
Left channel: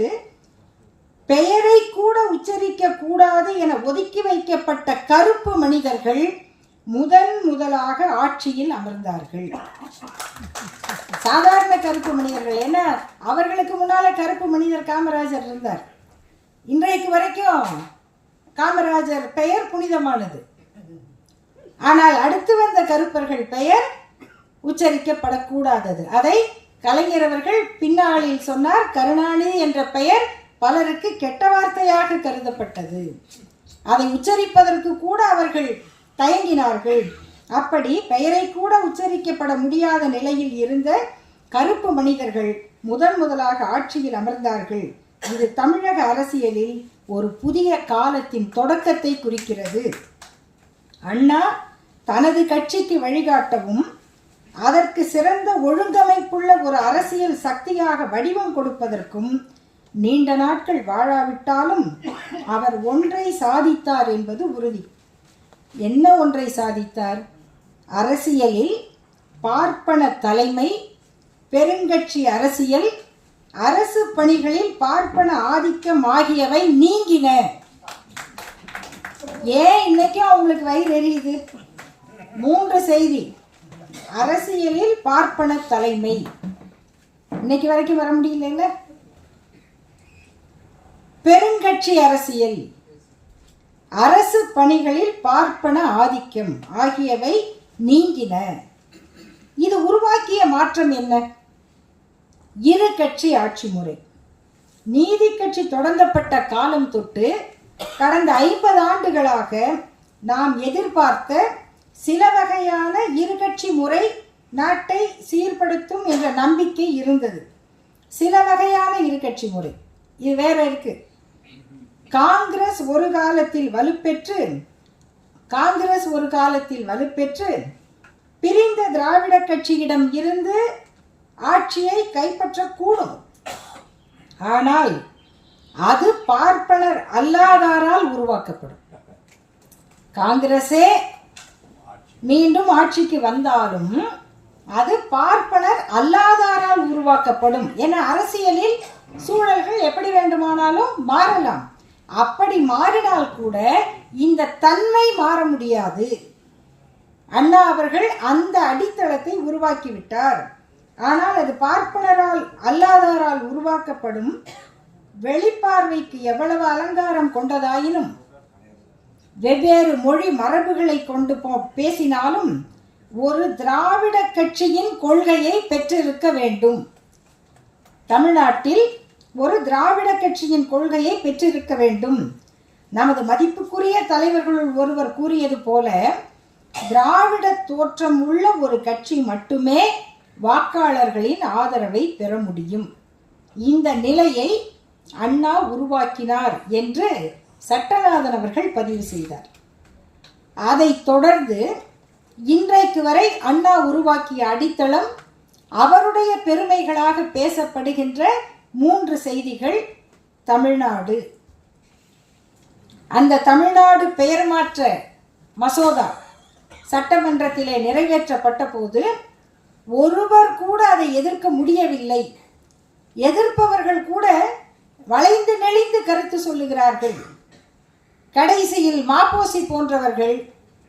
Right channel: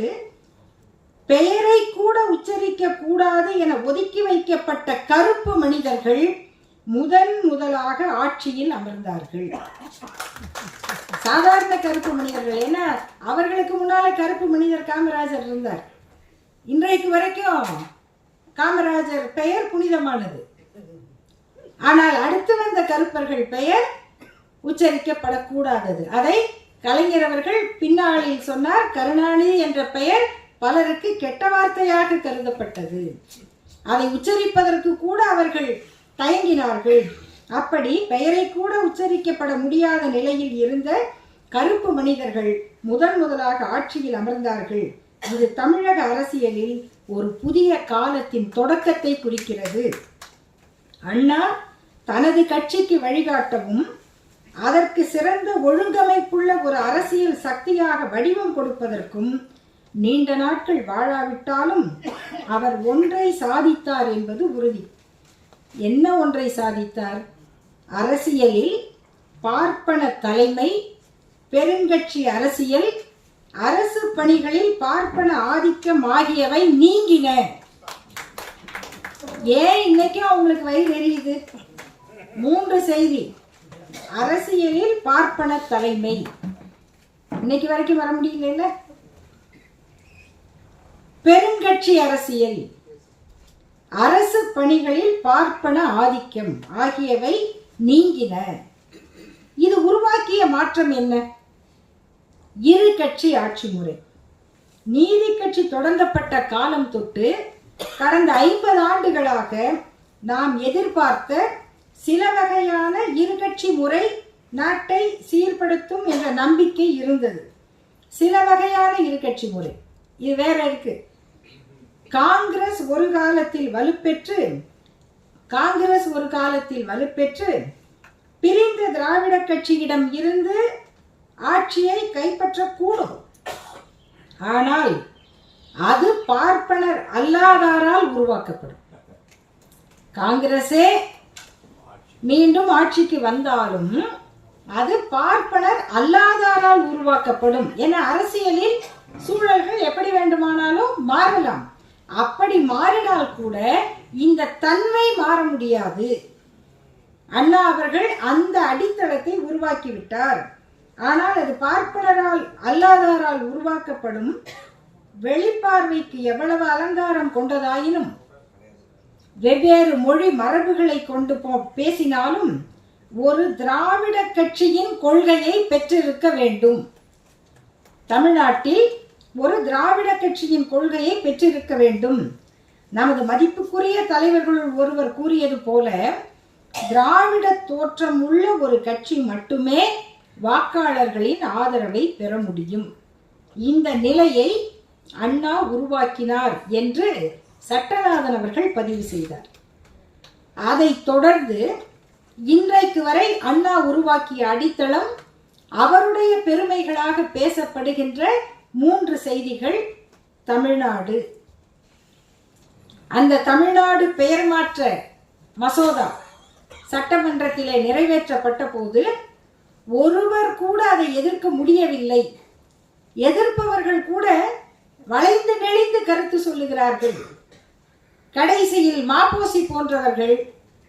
பெயரை கூட உச்சரிக்க கூடாது என ஒதுக்கி வைக்கப்பட்ட கருப்பு மனிதர்கள் முதலாக ஆட்சியில் அமர்ந்தார்கள். சாதாரண கருப்பு மனிதர்கள், ஏன்னா அவர்களுக்கு முன்னால கருப்பு மனிதர் காமராஜர் இருந்தார். இன்றைக்கு வரைக்கும் காமராஜர் பெயர் புனிதமானது. ஆனால் அடுத்து வந்த கருப்பர்கள் பெயர் உச்சரிக்கப்படக்கூடாதது. அதை கலைஞர் அவர்கள் பின்னாளில் சொன்னார். கருணாநிதி என்ற பெயர் பலருக்கு கெட்ட வார்த்தையாக கருதப்பட்டது. அதை உச்சரிப்பதற்கு கூட அவர்கள் தயங்கினார்கள். அப்படி பெயரை கூட உச்சரிக்கப்பட முடியாத நிலையில் இருந்த கருப்பு மனிதர்கள் முதலாக ஆட்சியில் அமர்ந்தார்கள். இது தமிழக அரசியலில் ஒரு புதிய காலத்தின் தொடக்கத்தை குறிக்கிறது. அண்ணா தனது கட்சிக்கு வழிகாட்டவும் அதற்கு சிறந்த ஒழுங்கமைப்புள்ள ஒரு அரசியல் சக்தியாக வடிவம் கொடுப்பதற்கும் நீண்ட நாட்கள் வாழாவிட்டாலும் அவர் ஒன்றை சாதித்தார் என்பது உறுதி. என்ன ஒன்றை சாதித்தார்? அரசியலில் பார்ப்பன தலைமை, பெருங்கட்சி அரசியல், அரசு பணிகளில் பார்ப்பன ஆதிக்கம் ஆகியவை நீங்கின. ஏன் இன்னைக்கு அவங்களுக்கு வயிறு எரியுது? 3 செய்தி. அரசியலில் பார்ப்பன தலைமை, இன்னைக்கு வரைக்கும் வர முடியல. பெருங்கட்சி அரசியல், அரசு பணிகளில் பார்ப்பன ஆதிக்கம் ஆகியவை நீங்கின. இது உருவாக்கிய மாற்றம் என்ன? 2 கட்சி ஆட்சி முறை. நீதி கட்சி தொடங்கப்பட்ட காலம் தொட்டு கடந்த 50 ஆண்டுகளாக நாம் எதிர்பார்த்த சில வகையான 2 கட்சி முறை நாட்டை சீர்படுத்தும் என்ற நம்பிக்கை இருந்தது. சில வகையான 2 கட்சி முறை இது வேற இருக்கு. காங்கிரஸ் ஒரு காலத்தில் வலுப்பெற்று பிரிந்த திராவிட கட்சியிடம் இருந்து ஆட்சியை கைப்பற்றக்கூடும். ஆனால் அது பார்ப்பனர் அல்லாதாரால் உருவாக்கப்படும். காங்கிரஸே மீண்டும் ஆட்சிக்கு வந்தாலும் அது பார்ப்பனர் அல்லாதாரால் உருவாக்கப்படும். என அரசியலில் சூழல்கள் எப்படி வேண்டுமானாலும் மாறலாம். அப்படி மாறினால் கூட இந்த தன்மை மாற முடியாது. அண்ணா அவர்கள் அந்த அடித்தளத்தை உருவாக்கிவிட்டார். ஆனால் அது பார்ப்பனரால் அல்லாதாரால் உருவாக்கப்படும். வெளிப்பார்வைக்கு எவ்வளவு அலங்காரம் கொண்டதாயினும், வெவ்வேறு மொழி மரபுகளை கொண்டு பேசினாலும் ஒரு திராவிட கட்சியின் கொள்கையை பெற்றிருக்க வேண்டும். தமிழ்நாட்டில் ஒரு திராவிட கட்சியின் கொள்கையை பெற்றிருக்க வேண்டும். நமது மதிப்புக்குரிய தலைவர்களுள் ஒருவர் கூறியது போல, திராவிட தோற்றம் உள்ள ஒரு கட்சி மட்டுமே வாக்காளர்களின் ஆதரவை பெற முடியும். இந்த நிலையை அண்ணா உருவாக்கினார் என்று சட்டநாதன் அவர்கள் பதிவு செய்தார். அதைத் தொடர்ந்து இன்றைக்கு வரை அண்ணா உருவாக்கிய அடித்தளம், அவருடைய பெருமைகளாக பேசப்படுகின்ற 3 செய்திகள். தமிழ்நாடு, அந்த தமிழ்நாடு பெயர் மாற்ற மசோதா சட்டமன்றத்திலே நிறைவேற்றப்பட்ட போது ஒருவர் கூட அதை எதிர்க்க முடியவில்லை. எதிர்ப்பவர்கள் கூட வளைந்து நெளிந்து கருத்து சொல்லுகிறார்கள். கடைசியில் மாப்போசி போன்றவர்கள்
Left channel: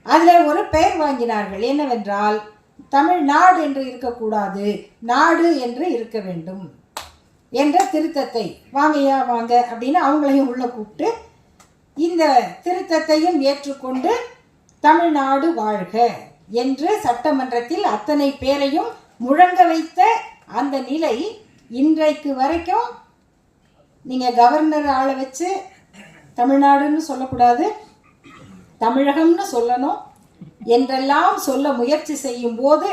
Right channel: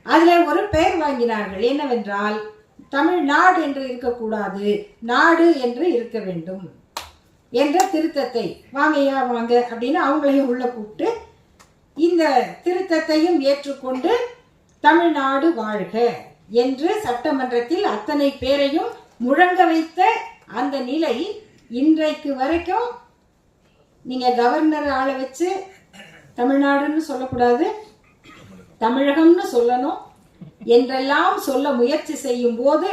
அதில் ஒரு பெயர் வாங்கினார்கள். என்னவென்றால், தமிழ்நாடு என்று இருக்கக்கூடாது, நாடு என்று இருக்க வேண்டும் என்ற திருத்தத்தை வாங்கயா வாங்க அப்படின்னு அவங்களையும் உள்ள கூப்பிட்டு இந்த திருத்தத்தையும் ஏற்றுக்கொண்டு தமிழ்நாடு வாழ்க என்று சட்டமன்றத்தில் அத்தனை பேரையும் முழங்க வைத்த அந்த நிலை இன்றைக்கு வரைக்கும் நீங்கள் கவர்னர் ஆளை வச்சு தமிழ்நாடுன்னு சொல்லக்கூடாது, தமிழகம்னு சொல்லணும் என்றெல்லாம் சொல்ல முயற்சி செய்யும் போது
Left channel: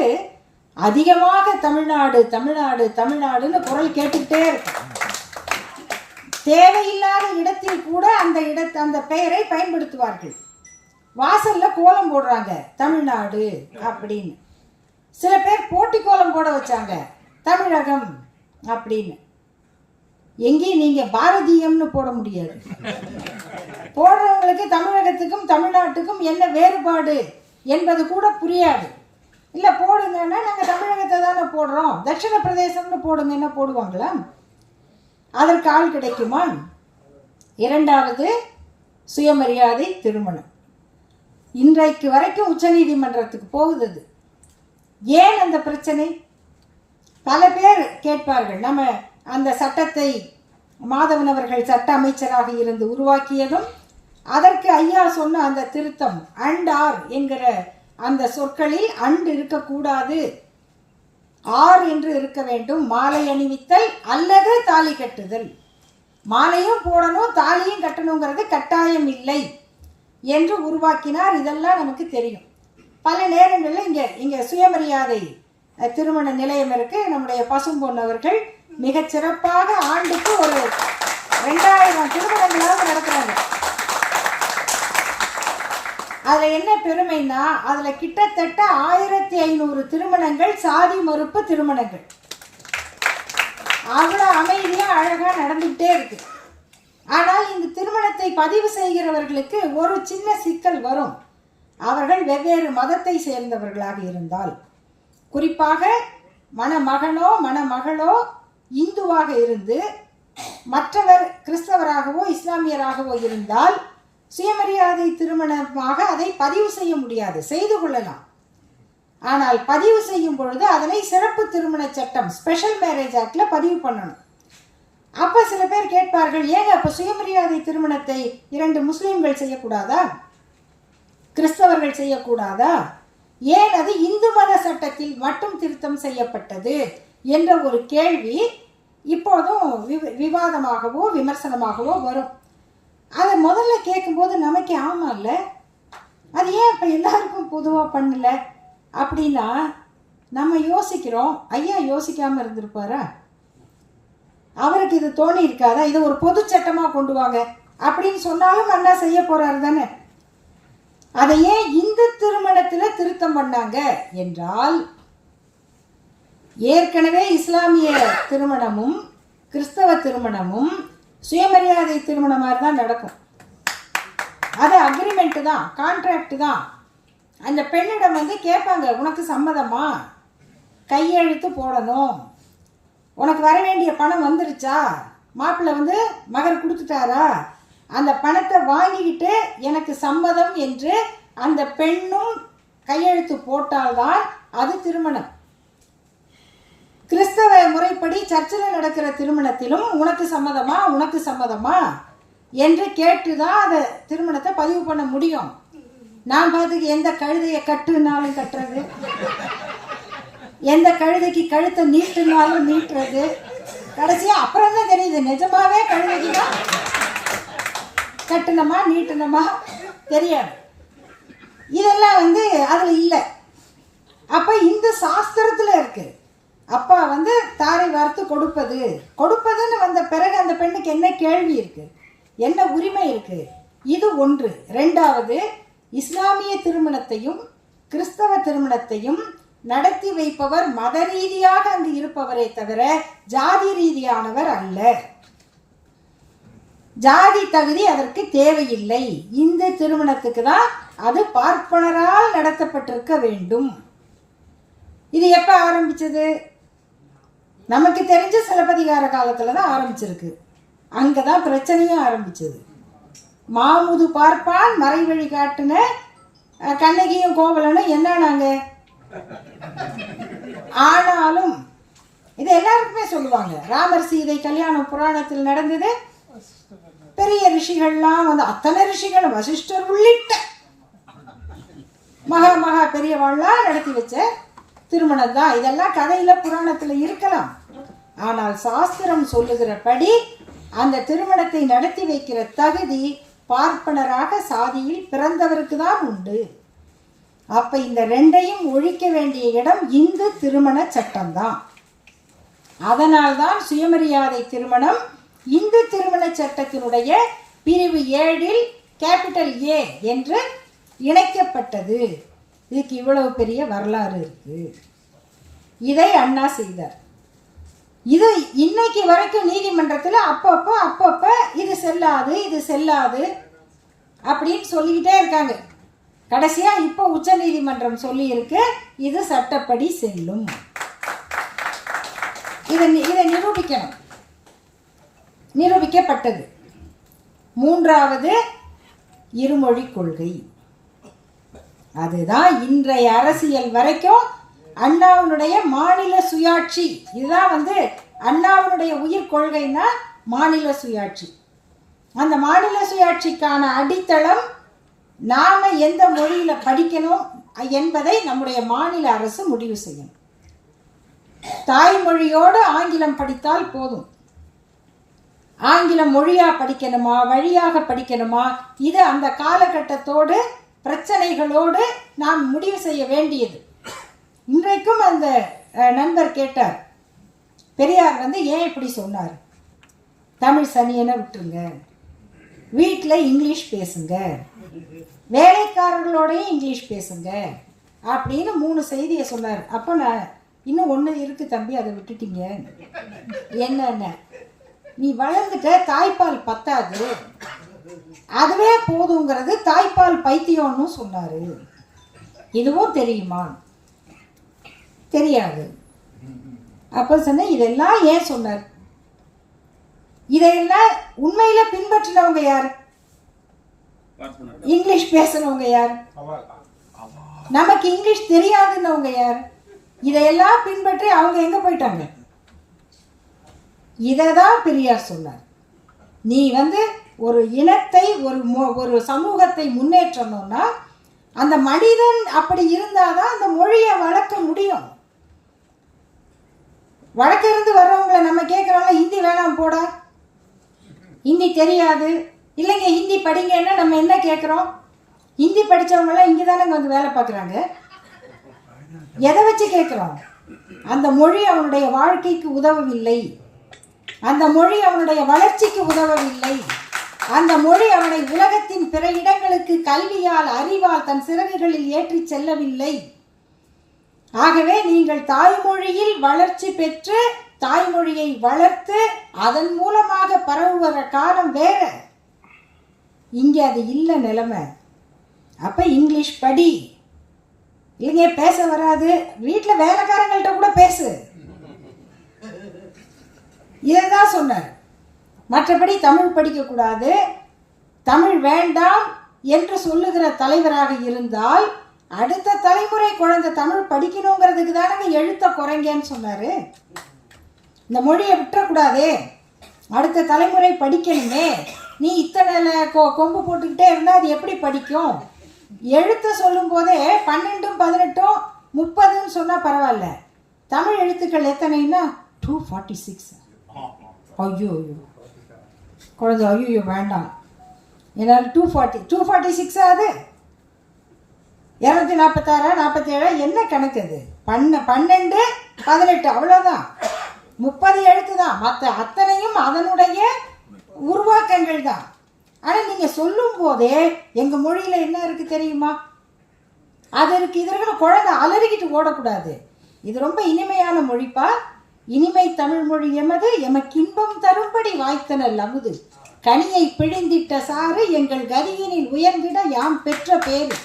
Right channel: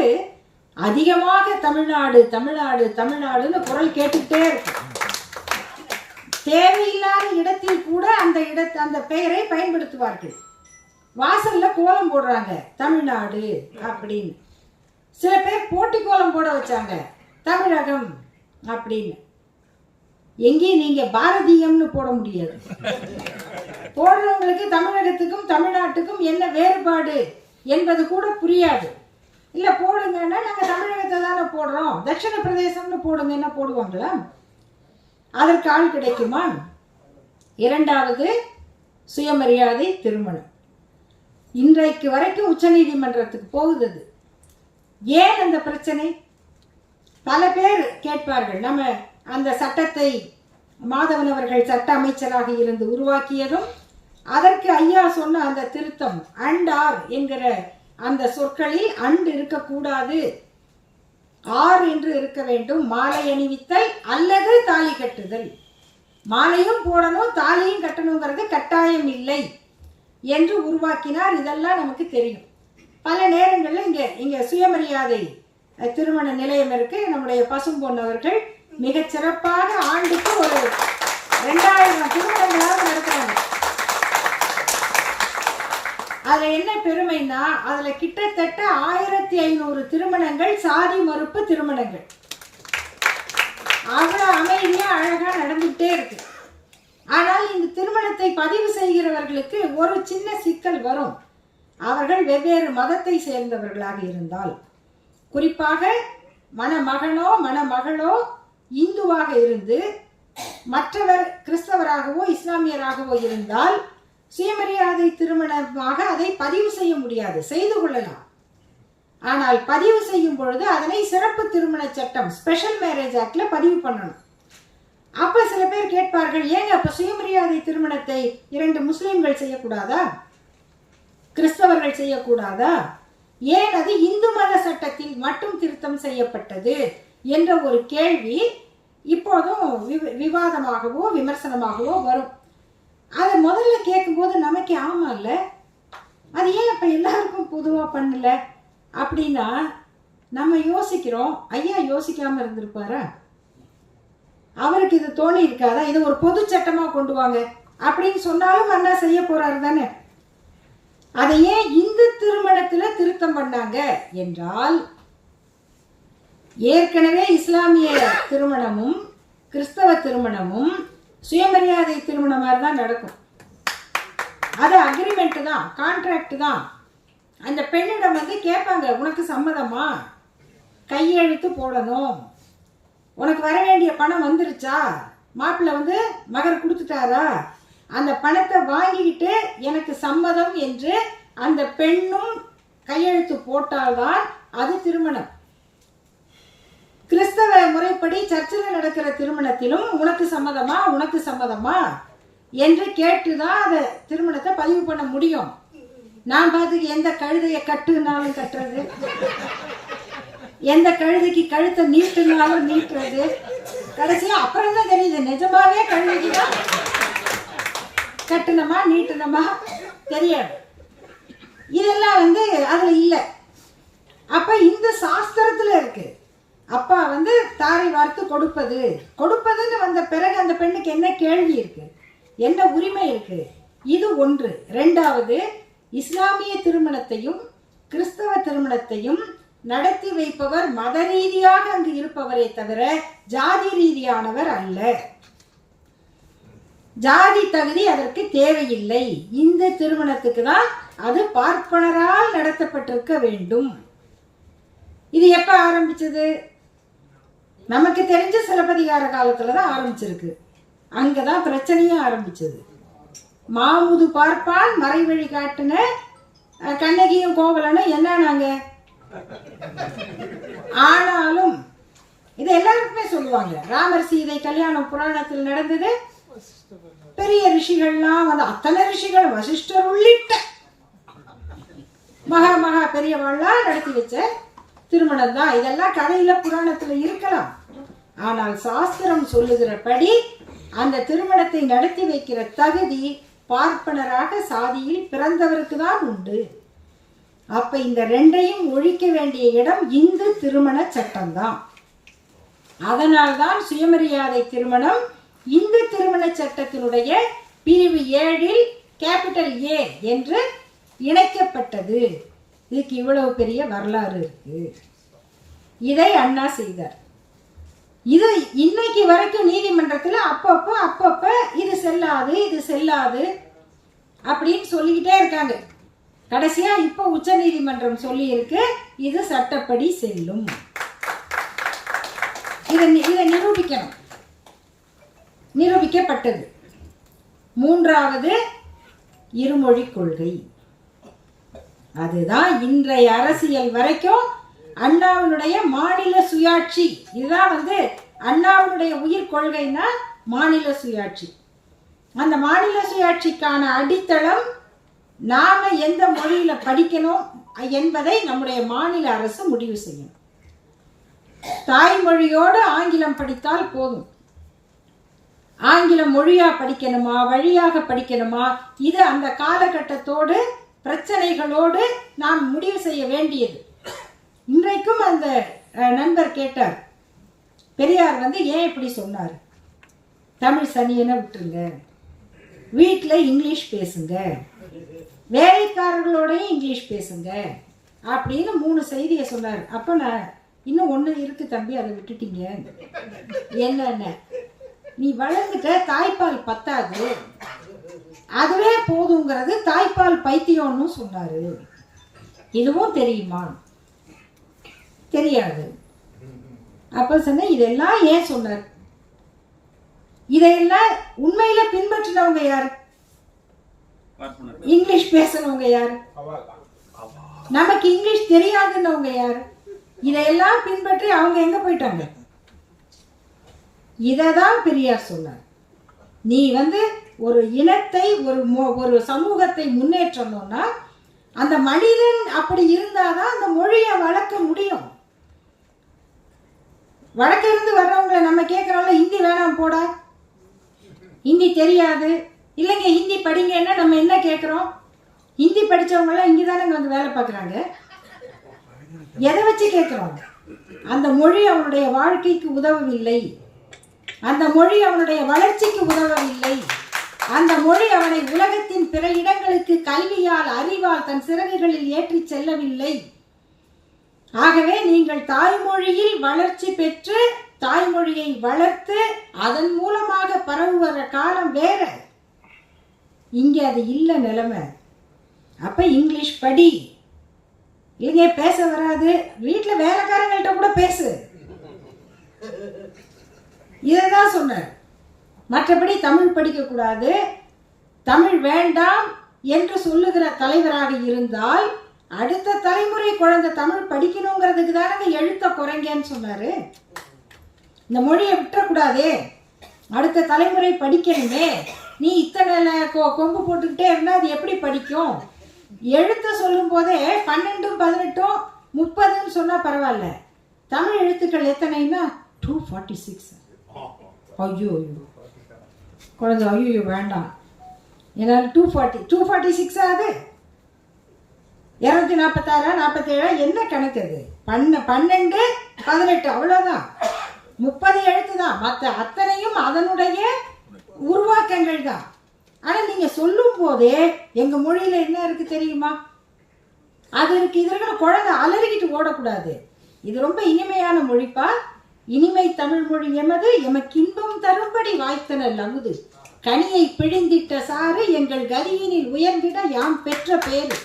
அதிகமாக தமிழ்நாடு தமிழ்நாடு தமிழ்நாடுன்னு குரல் கேட்டுக்கிட்டே இருக்கு. தேவையில்லாத இடத்தில் கூட அந்த பெயரை பயன்படுத்துவார்கள். வாசல்ல கோலம் போடுறாங்க தமிழ்நாடு அப்படின்னு. சில பேர் போட்டி கோலம் போட வச்சாங்க தமிழகம் அப்படின்னு. எங்கேயும் நீங்க பாரதியம்னு போட முடியாது. போடுறவங்களுக்கு தமிழகத்துக்கும் தமிழ்நாட்டுக்கும் என்ன வேறுபாடு என்பது கூட புரியாது. இல்லை போடுங்கன்னா நாங்கள் தமிழகத்தை தானே போடுறோம், தட்சிண பிரதேசம்னு போடுங்கன்னா போடுவாங்களா? அதற்கு ஆள் கிடைக்குமா? இரண்டாவது, சுயமரியாதை திருமணம் இன்றைக்கு வரைக்கும் உச்சநீதிமன்றத்துக்கு போகுது. ஏன் அந்த பிரச்சனை? பல பேர் கேட்பார்கள். நம்ம அந்த சட்டத்தை மாதவன் அவர்கள் சட்ட அமைச்சராக இருந்து உருவாக்கியதும், அதற்கு ஐயா சொன்ன அந்த திருத்தம் அண்ட் ஆர் என்கிற அந்த சொற்களில் அண்ட் இருக்கக்கூடாது, ஆர் என்று இருக்க வேண்டும். மாலை அணிவித்தல் அல்லது தாலி கட்டுதல், மாலையும் போடணும் தாலியும் கட்டணுங்கிறது கட்டாயம் இல்லை என்று உருவாக்கினார். இதெல்லாம் நமக்கு தெரியும். பல நேரங்களில் இங்கே சுயமரியாதை திருமண நிலையம் இருக்கு. நம்முடைய பசும்பொன் அவர்கள் மிக சிறப்பாக ஆண்டுக்கு ஒரு 2000 திருமணங்களாக நடக்கிறாங்க. அதில் என்ன பெருமைன்னா, அதில் கிட்டத்தட்ட 1500 திருமணங்கள் சாதி மறுப்பு திருமணங்கள். அவ்வளோ அமைதியாக அழகாக நடந்துகிட்டே இருக்கு. ஆனால் இந்த திருமணத்தை பதிவு செய்கிறவர்களுக்கு ஒரு சின்ன சிக்கல் வரும். அவர்கள் வெவ்வேறு மதத்தை சேர்ந்தவர்களாக இருந்தால், குறிப்பாக மணமகனோ மணமகளோ இந்துவாக இருந்து மற்றவர் கிறிஸ்தவராகவோ இஸ்லாமியராகவோ இருந்தால் சுயமரியாதை திருமணமாக அதை பதிவு செய்ய முடியாது. செய்து கொள்ளலாம், ஆனால் பதிவு செய்யும் பொழுது அதனை சிறப்பு திருமண சட்டம் ஸ்பெஷல் மேரேஜ் ஆக்ட்ல பதிவு பண்ணணும். அப்ப சில பேர் கேட்பார்கள், ஏங்க அப்ப சுயமரியாதை திருமணத்தை 2 முஸ்லிம்கள் செய்யக்கூடாதா, கிறிஸ்தவர்கள் செய்யக்கூடாதா, ஏன் அது இந்து மத சட்டத்தில் மட்டும் திருத்தம் செய்யப்பட்டது என்ற ஒரு கேள்வி இப்போதும் விவாதமாகவோ விமர்சனமாகவோ வரும். அதை முதல்ல கேட்கும்போது நமக்கு ஆமா இல்ல, அது ஏன் இப்ப எல்லாருக்கும் பொதுவாக பண்ணல அப்படின்னா நம்ம யோசிக்கிறோம். ஐயா யோசிக்காம இருந்திருப்பாரா? அவருக்கு இது தோணி இருக்காதா? இதை ஒரு பொது சட்டமா கொண்டு வாங்க அப்படின்னு சொன்னாலும் அண்ணா செய்ய போறாரு தானே. அதை ஏன் இந்து திருமணத்துல திருத்தம் பண்ணாங்க என்றால், ஏற்கனவே இஸ்லாமிய திருமணமும் கிறிஸ்தவ திருமணமும் சுயமரியாதை திருமணமாக தான் நடக்கும். அது அக்ரிமெண்ட் தான், கான்ட்ராக்ட் தான். அந்த பெண்ணிடம் கேட்பாங்க, உனக்கு சம்மதமா, கையெழுத்து போடணும், உனக்கு வர வேண்டிய பணம் வந்துருச்சா, மாப்பிள்ளை மகர் கொடுத்துட்டாரா, அந்த பணத்தை வாங்கிக்கிட்டு எனக்கு சம்மதம் என்று அந்த பெண்ணும் கையெழுத்து போட்டால்தான் அது திருமணம். கிறிஸ்தவ முறைப்படி சர்ச்சில் நடக்கிற திருமணத்திலும் உனக்கு சம்மதமா உனக்கு சம்மதமா என்று கேட்டுதான் அந்த திருமணத்தை பதிவு பண்ண முடியும். நான் பார்த்துக்கு எந்த கழுதையை கட்டுனாலும் கட்டுறது, எந்த கழுதைக்கு கழுத்தை நீட்டுனாலும் நீட்டுறது, கடைசியா அப்புறம் தான் தெரியுது நிஜமாவே கழுதைக்கு தான் கட்டணுமா நீட்டணுமா தெரியாது. இதெல்லாம் அதுல இல்லை. அப்ப இந்த சாஸ்திரத்துல இருக்கு. அப்பா தாரை வார்த்து கொடுப்பதுன்னு வந்த பிறகு அந்த பெண்ணுக்கு என்ன கேள்வி இருக்கு, என்ன உரிமை இருக்கு? இது ஒன்று. இரண்டாவது, இஸ்லாமிய திருமணத்தையும் கிறிஸ்தவ திருமணத்தையும் நடத்தி வைப்பவர் மத ரீதியாக அங்கு இருப்பவரை தவிர ஜாதி ரீதியானவர் அல்ல. ஜாதி தகுதி அதற்கு தேவையில்லை. இந்த திருமணத்துக்கு தான் அது பார்ப்பனரால் நடத்தப்பட்டிருக்க வேண்டும். இது எப்ப ஆரம்பிச்சது? நமக்கு தெரிஞ்ச சிலப்பதிகார காலத்துல தான் ஆரம்பிச்சிருக்கு. அங்கதான் பிரச்சனையும் ஆரம்பிச்சது. மாமுது பார்ப்பான் மறைவழி காட்டுன கண்ணகியும் கோவலனும் என்னன்னாங்க. ஆனாலும் இது எல்லாருக்குமே சொல்லுவாங்க. ராமர் சீதை கல்யாணம் புராணத்தில் நடந்தது. பெரிய ரிஷிகள்லாம் அத்தனை ரிஷிகள் வசிஷ்டர் உள்ளிட்ட மகா பெரியவாள்லாம் நடத்தி வச்ச திருமணம் தான். இதெல்லாம் கதையில புராணத்துல இருக்கலாம். ஆனால் சாஸ்திரம் சொல்லுகிறபடி அந்த திருமணத்தை நடத்தி வைக்கிற தகுதி பார்ப்பனராக சாதியில் பிறந்தவருக்கு தான் உண்டு. அப்ப இந்த ரெண்டையும் ஒழிக்க வேண்டிய இடம் இந்து திருமண சட்டம்தான். அதனால்தான் சுயமரியாதை திருமணம் இந்து திருமண சட்டத்தினுடைய பிரிவு 7 கேபிட்டல் A என்று இணைக்கப்பட்டது. இதுக்கு இவ்வளவு பெரிய வரலாறு இருக்கு. இதை அண்ணா செய்தார். இது இன்னைக்கு வரைக்கும் நீதிமன்றத்தில் அப்பப்ப இது செல்லாது இது செல்லாது அப்படின்னு சொல்லிக்கிட்டே இருக்காங்க. கடைசியா இப்போ உச்ச நீதிமன்றம் சொல்லி இருக்கு இது சட்டப்படி செல்லும். இதை நிரூபிக்கணும். நிரூபிக்கப்பட்டது. 3வது இருமொழி கொள்கை. அதுதான் இன்றைய அரசியல் வரைக்கும் அண்ணாவினுடைய மாநில சுயாட்சி. இதுதான் அண்ணாவினுடைய உயிர் கொள்கைன்னா மாநில சுயாட்சி. அந்த மாநில சுயாட்சிக்கான அடித்தளம் நாம எந்த மொழியில படிக்கணும் என்பதை நம்முடைய மாநில அரசு முடிவு செய்யணும். தாய்மொழியோடு ஆங்கிலம் படித்தால் போதும். ஆங்கிலம் மொழியா படிக்கணுமா வழியாக படிக்கணுமா, இது அந்த காலகட்டத்தோடு பிரச்சனைகளோடு நாம் முடிவு செய்ய வேண்டியது. இன்றைக்கும் அந்த நண்பர் கேட்டார், பெரியார் ஏன் இப்படி சொன்னார், தமிழ் சனியனை விட்டுருங்க, வீட்டில் இங்கிலீஷ் பேசுங்க, வேலைக்காரர்களோடையும் இங்கிலீஷ் பேசுங்க அப்படின்னு 3 செய்தியை சொன்னார். அப்போ நான் இன்னும் 1 இருக்கு தம்பி, அதை விட்டுட்டீங்க. என்னென்ன, நீ வளர்ந்துட்ட, தாய்ப்பால் பத்தாது, அதுவே போதுங்கிறது தாய்ப்பால் பைத்தியம்னு சொன்னாரு. இதுவும் தெரியுமா? தெரியாது. அப்ப சொன்ன இதெல்லாம் ஏன் சொன்னார்? இதையெல்லாம் உண்மையில பின்பற்றினவங்க யார்? இங்கிலீஷ் பேசுறவங்க யார்? நமக்கு இங்கிலீஷ் தெரியாதுன்னவங்க யார்? இதையெல்லாம் பின்பற்றி அவங்க எங்க போயிட்டாங்க? இததான் பெரியார் சொன்னார். நீ ஒரு இனத்தை ஒரு சமூகத்தை முன்னேற்றணும்னா அந்த மனிதன் அப்படி இருந்தாதான் அந்த மொழியை வளர்க்க முடியும். வழக்க இருந்து வர்றவங்களை நம்ம கேட்கறோம்ல, ஹிந்தி வேணாம் போட, ஹிந்தி தெரியாது, இல்லைங்க ஹிந்தி படிங்கன்னா நம்ம என்ன கேட்குறோம்? ஹிந்தி படித்தவங்களாம் இங்கே தானே வேலை பார்க்குறாங்க. எதை வச்சு கேட்குறோம்? அந்த மொழி அவனுடைய வாழ்க்கைக்கு உதவவில்லை, அந்த மொழி அவனுடைய வளர்ச்சிக்கு உதவவில்லை, அந்த மொழி அவனை உலகத்தின் பிற இடங்களுக்கு கல்வியால் அறிவால் தன் சிறகுகளில் ஏற்றி செல்லவில்லை. ஆகவே நீங்கள் தாய்மொழியில் வளர்ச்சி பெற்று தாய்மொழியை வளர்த்து அதன் மூலமாக பரவுகிற காலம் வேற. இங்கே அது இல்லை நிலைமை. அப்ப இங்கிலீஷ் படி, இல்லைங்க பேச வராது, வீட்டில் வேலைக்காரங்கள்ட்ட கூட பேசு, இதைதான் சொன்னார். மற்றபடி தமிழ் படிக்கக்கூடாது, தமிழ் வேண்டாம் என்று சொல்லுகிற தலைவராக இருந்தால் அடுத்த தலைமுறை குழந்தை தமிழ் படிக்கணுங்கிறதுக்கு தானே எழுத்த குறைங்கன்னு சொன்னாரு. இந்த மொழியை விட்டுறக்கூடாதே, அடுத்த தலைமுறை படிக்கணுமே, நீ இத்தனை கொம்பு போட்டுக்கிட்டே இருந்தால் அது எப்படி படிக்கும்? எழுத்த சொல்லும் போதே 12, 18, 30 சொன்னா பரவாயில்ல. தமிழ் எழுத்துக்கள் எத்தனைன்னா 246. ஐயோ குழந்தை ஐயோ வேண்டாம், என்னால் 246 ஆகுது, 246, 47 என்ன கணக்கு? அது 12, 18 அவ்வளோதான், 30 எழுத்து தான். மற்ற அத்தனையும் அதனுடைய உருவாக்கங்கள் தான். ஆனால் நீங்கள் சொல்லும் போதே எங்கள் மொழியில் என்ன இருக்குது தெரியுமா? அது இருக்கு, இது இருக்குன்னு குழந்தை அலறிக்கிட்டு ஓடக்கூடாது. இது ரொம்ப இனிமையான மொழிப்பா, இனிமை தமிழ் மொழி எமது, எமக்கு இன்பம் தரும்படி வாய்த்தனல் அமுது, கனியை பிழிந்திட்ட சாறு எங்கள் கதியினில் உயர்ந்திட யாம் பெற்ற பேரு.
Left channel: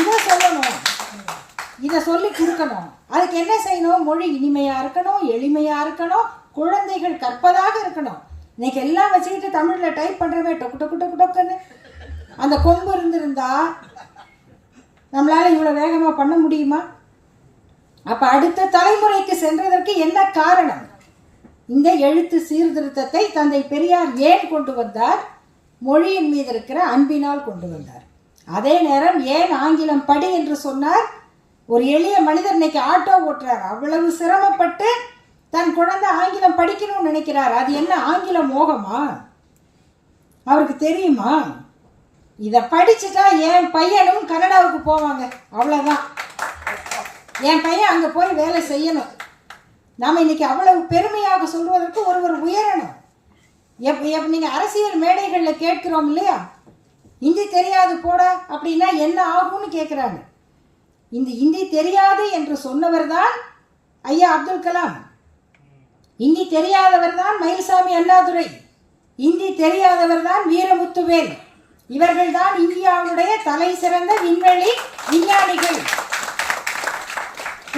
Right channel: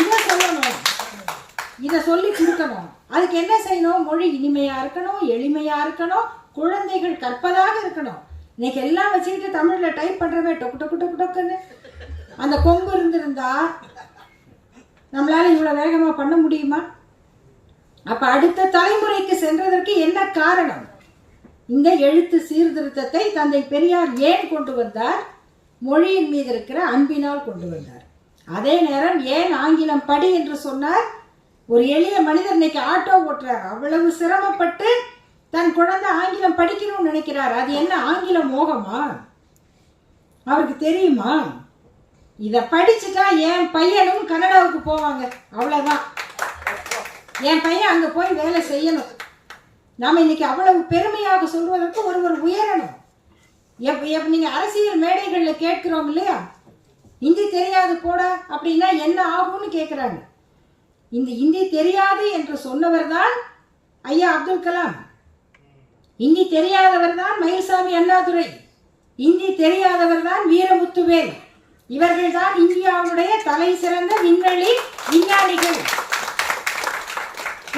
இதை சொல்லணும், இதை சொல்லி கொடுக்கணும். அதுக்கு என்ன செய்யணும்? மொழி இனிமையா இருக்கணும், எளிமையா இருக்கணும், குழந்தைகள் கற்பதாக இருக்கணும். இன்னைக்கு எல்லாம் வச்சுக்கிட்டு தமிழ்ல டைப் பண்றவே டொக்கு டொக்கு டொக்கு டொக்குன்னு அந்த கொம்பு இருந்திருந்தா நம்மளால இவ்வளவு வேகமா பண்ண முடியுமா? அப்ப அடுத்த தலைமுறைக்கு சென்றதற்கு என்ன காரணம்? இந்த எழுத்து சீர்திருத்தத்தை தந்தை பெரியார் ஏன் கொண்டு வந்தார்? மொழியின் மீது இருக்கிற அன்பினால் கொண்டு வந்தார். அதே நேரம் ஏன் ஆங்கிலம் படி என்று சொன்னார்? ஒரு எளிய மனிதர் இன்னைக்கு ஆட்டோ ஓட்டுறார், அவ்வளவு சிரமப்பட்டு தன் குழந்தை ஆங்கிலம் படிக்கணும்னு நினைக்கிறார். அது என்ன ஆங்கில மோகமா? அவருக்கு தெரியுமா? இதை படிச்சுட்டா என் பையனும் கனடாவுக்கு போவாங்க, அவ்வளோதான். என் பையன் அங்கே போய் வேலை செய்யணும். நாம் இன்னைக்கு அவ்வளவு பெருமையாக சொல்வதற்கு ஒருவர் உயரணும். நீங்கள் அரசியல் மேடைகளில் கேட்கிறோம் இல்லையா, இந்தி தெரியாது போட அப்படின்னா என்ன ஆகும்னு கேட்குறாங்க. இந்த இந்தி தெரியாது என்று சொன்னவர் தான் ஐயா அப்துல் கலாம். இந்தி தெரியாதவர் தான் மயில்சாமி அண்ணாதுரை. இந்தி தெரியாதவர் தான் வீரமுத்துவேல். இவர்கள் தான் இந்தியாவுடைய தலை சிறந்த விண்வெளி விஞ்ஞானிகள்.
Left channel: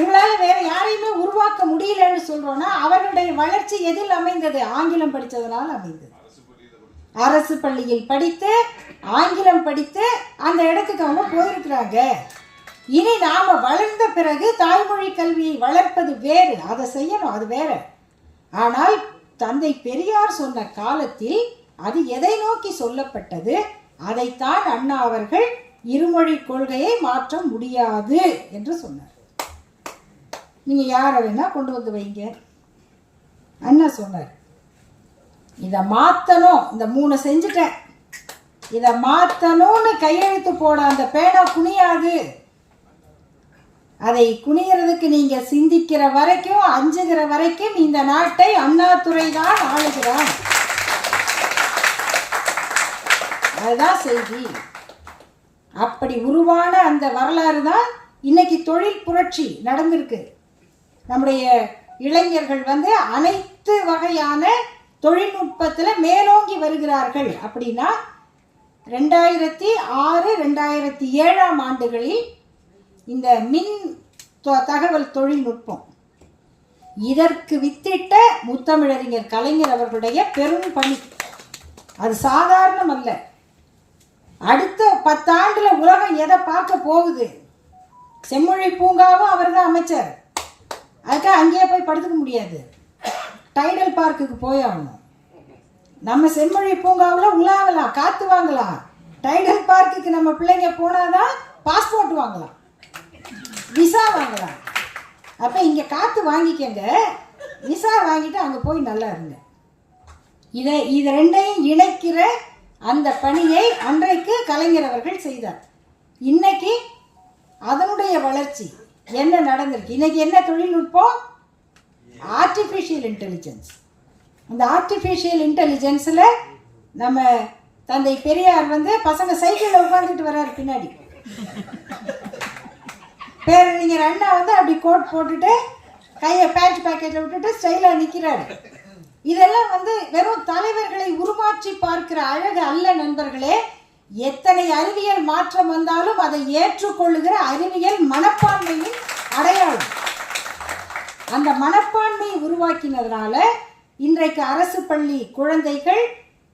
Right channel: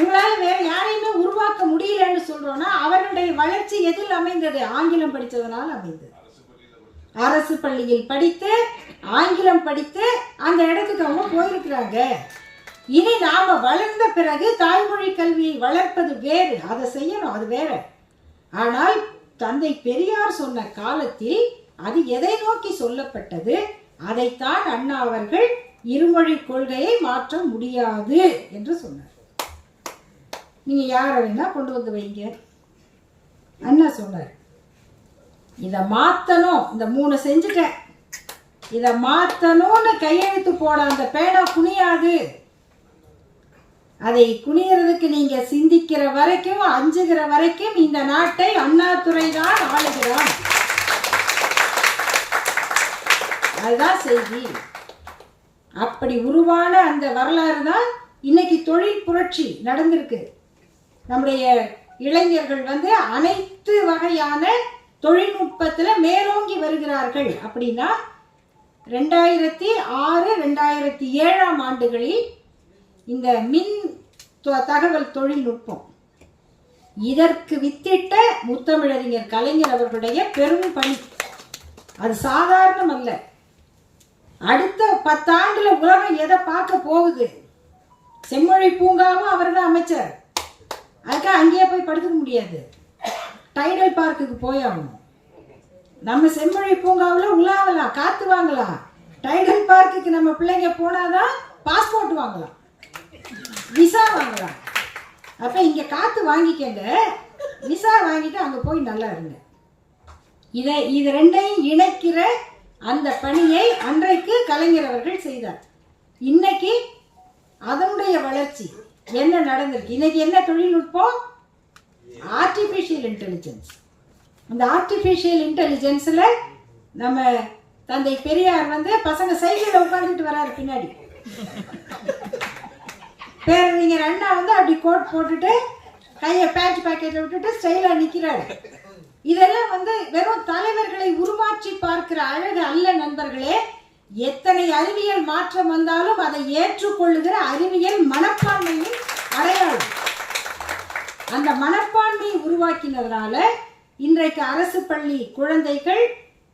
உங்களால் வேற யாரையுமே உருவாக்க முடியலன்னு சொல்றோம்னா அவர்களுடைய வளர்ச்சி எதில் அமைந்தது? ஆங்கிலம் படித்ததனால் அமைந்தது. அரசு பள்ளியில் படித்து ஆங்கிலம் படித்து அந்த இடத்துக்கு அவங்க போயிருக்கிறாங்க. இனி நாம வளர்ந்த பிறகு தாய்மொழி கல்வியை வளர்ப்பது வேறு, அதை செய்யணும், அது வேற. ஆனால் தந்தை பெரியார் சொன்ன காலத்தில் அது எதை நோக்கி சொல்லப்பட்டது? அதைத்தான் அண்ணா அவர்கள் இருமொழி கொள்கையை மாற்ற முடியாது என்று சொன்னார். நீங்க யாரை வேணா கொண்டு வந்து வைங்க, அண்ணா சொன்னார் இதை மாத்தணும், இந்த 3 செஞ்சுட்டேன், இதை மாத்தணும்னு கையெழுத்து போட அந்த பேனா குனியாது. அதை குனியறதுக்கு நீங்க சிந்திக்கிற வரைக்கும், அஞ்சுகிற வரைக்கும் இந்த நாட்டை அண்ணாதுரை தான் ஆளுகிறான். அதுதான் செய்தி. அப்படி உருவான அந்த வரலாறு தான் இன்னைக்கு தொழில் புரட்சி நடந்திருக்கு. நம்முடைய இளைஞர்கள் அனைத்து வகையான தொழில்நுட்பத்தில் மேலோங்கி வருகிறார்கள். அப்படின்னா 2006, 2007 ஆண்டுகளில் இந்த மின் தகவல் தொழில்நுட்பம் இதற்கு வித்திட்ட முத்தமிழறிஞர் கலைஞர் அவர்களுடைய பெரும் பணி. அது சாதாரணம் அல்ல. அடுத்த 10 ஆண்டுல உலகம் எதை பார்க்க போகுது? செம்மொழி பூங்காவும் அவர் தான் அமைச்சர். அதுக்காக அங்கேயே போய் படுத்துக்க முடியாது, டைடல் பார்க்குக்கு போய் ஆகணும். நம்ம செம்மொழி பூங்காவில் உலாவலாம், காற்று வாங்கலாம். டைடல் பார்க்குக்கு நம்ம பிள்ளைங்க போனாதான் பாஸ்போர்ட் வாங்கலாம், விசா வாங்கலாம். அப்போ இங்கே காற்று வாங்கிக்கங்க, விசா வாங்கிட்டு அங்கே போய் நல்லா இருங்க. இது ரெண்டையும் இணைக்கிற அந்த பணியை அன்றைக்கு கலைஞர் அவர்கள் செய்தார். இன்னைக்கு அதனுடைய வளர்ச்சி என்ன நடந்திருக்கு? இன்னைக்கு என்ன தொழில்நுட்பம்? Artificial intelligence. அந்த ஆர்டிஃபிஷியல் இன்டெலிஜென்ஸில் நம்ம தந்தை பெரியார் பசங்க சைக்கிளில் உட்காந்துட்டு வர்றாரு பின்னாடி. பேரறிஞர் அண்ணா அப்படி கோட் போட்டுட்டு கையை பேண்ட் பாக்கெட்டில் விட்டுட்டு ஸ்டைலாக நிற்கிறாரு. இதெல்லாம் வெறும் தலைவர்களை உருமாற்றி பார்க்கிற அழகு அல்ல நண்பர்களே. எத்தனை அறிவியல் மாற்றம் வந்தாலும் அதை ஏற்றுக்கொள்ளுகிற அறிவியல் மனப்பான்மையின் அடையாளம். அந்த மனப்பான்மையை உருவாக்கினதுனால இன்றைக்கு அரசு பள்ளி குழந்தைகள்,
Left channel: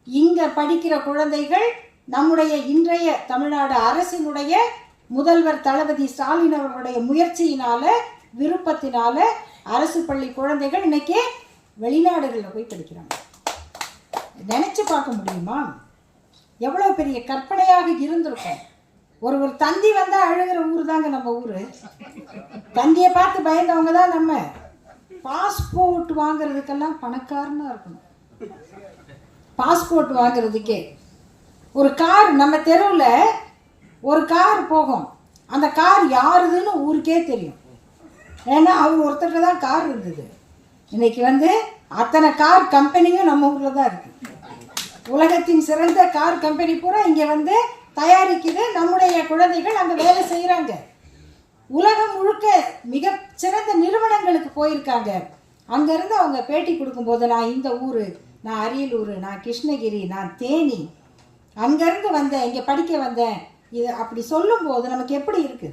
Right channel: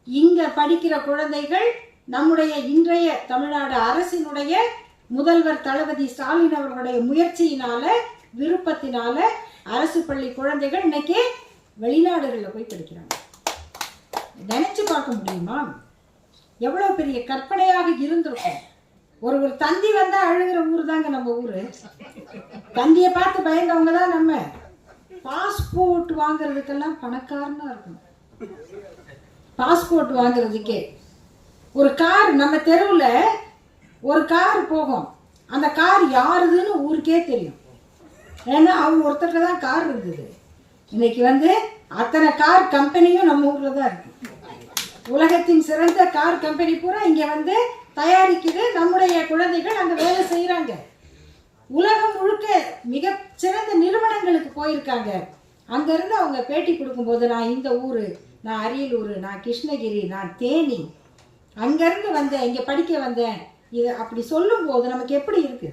இங்க படிக்கிற குழந்தைகள், நம்முடைய இன்றைய தமிழ்நாடு அரசினுடைய முதல்வர் தளபதி ஸ்டாலின் அவர்களுடைய முயற்சியினால, விருப்பத்தினால அரசு பள்ளி குழந்தைகள் இன்னைக்கு வெளிநாடுகளில் போய் படிக்கிறாங்க. நினைச்சு பார்க்க முடியுமா? எவ்வளோ பெரிய கற்பனையாக இருந்திருக்கும். ஒரு தந்தி வந்தால் அழுகிற ஊர் தாங்க நம்ம ஊர். தந்தியை பார்த்து பயந்தவங்க தான் நம்ம. பாஸ்போர்ட் வாங்குறதுக்கெல்லாம் பணக்காரனாக இருக்கணும். பாஸ்போர்ட் வாங்குறதுக்கே ஒரு கார், நம்ம தெருவில் ஒரு கார் போகும், அந்த கார் யாருதுன்னு ஊருக்கே தெரியும். ஏன்னா அவங்க ஒருத்தருக்கு தான் கார் இருந்தது. இன்னைக்கு அத்தனை கார் கம்பெனியும் நம்ம ஊரில் தான் இருக்கு. உலகத்தின் சிறந்த கார் கம்பெனி பூரா இங்கே தயாரிக்குது. நம்முடைய குழந்தைகள் அங்கே வேலை செய்கிறாங்க. உலகம் முழுக்க மிக சிறந்த நிறுவனங்களுக்கு போயிருக்காங்க. அங்கேருந்து அவங்க பேட்டி கொடுக்கும்போது, நான் இந்த ஊர், நான் அரியலூர், நான் கிருஷ்ணகிரி, நான் தேனி, அங்கேருந்து வந்தேன், இங்கே படிக்க வந்தேன், இது அப்படி சொல்லும்போது நமக்கு எப்படி இருக்கு?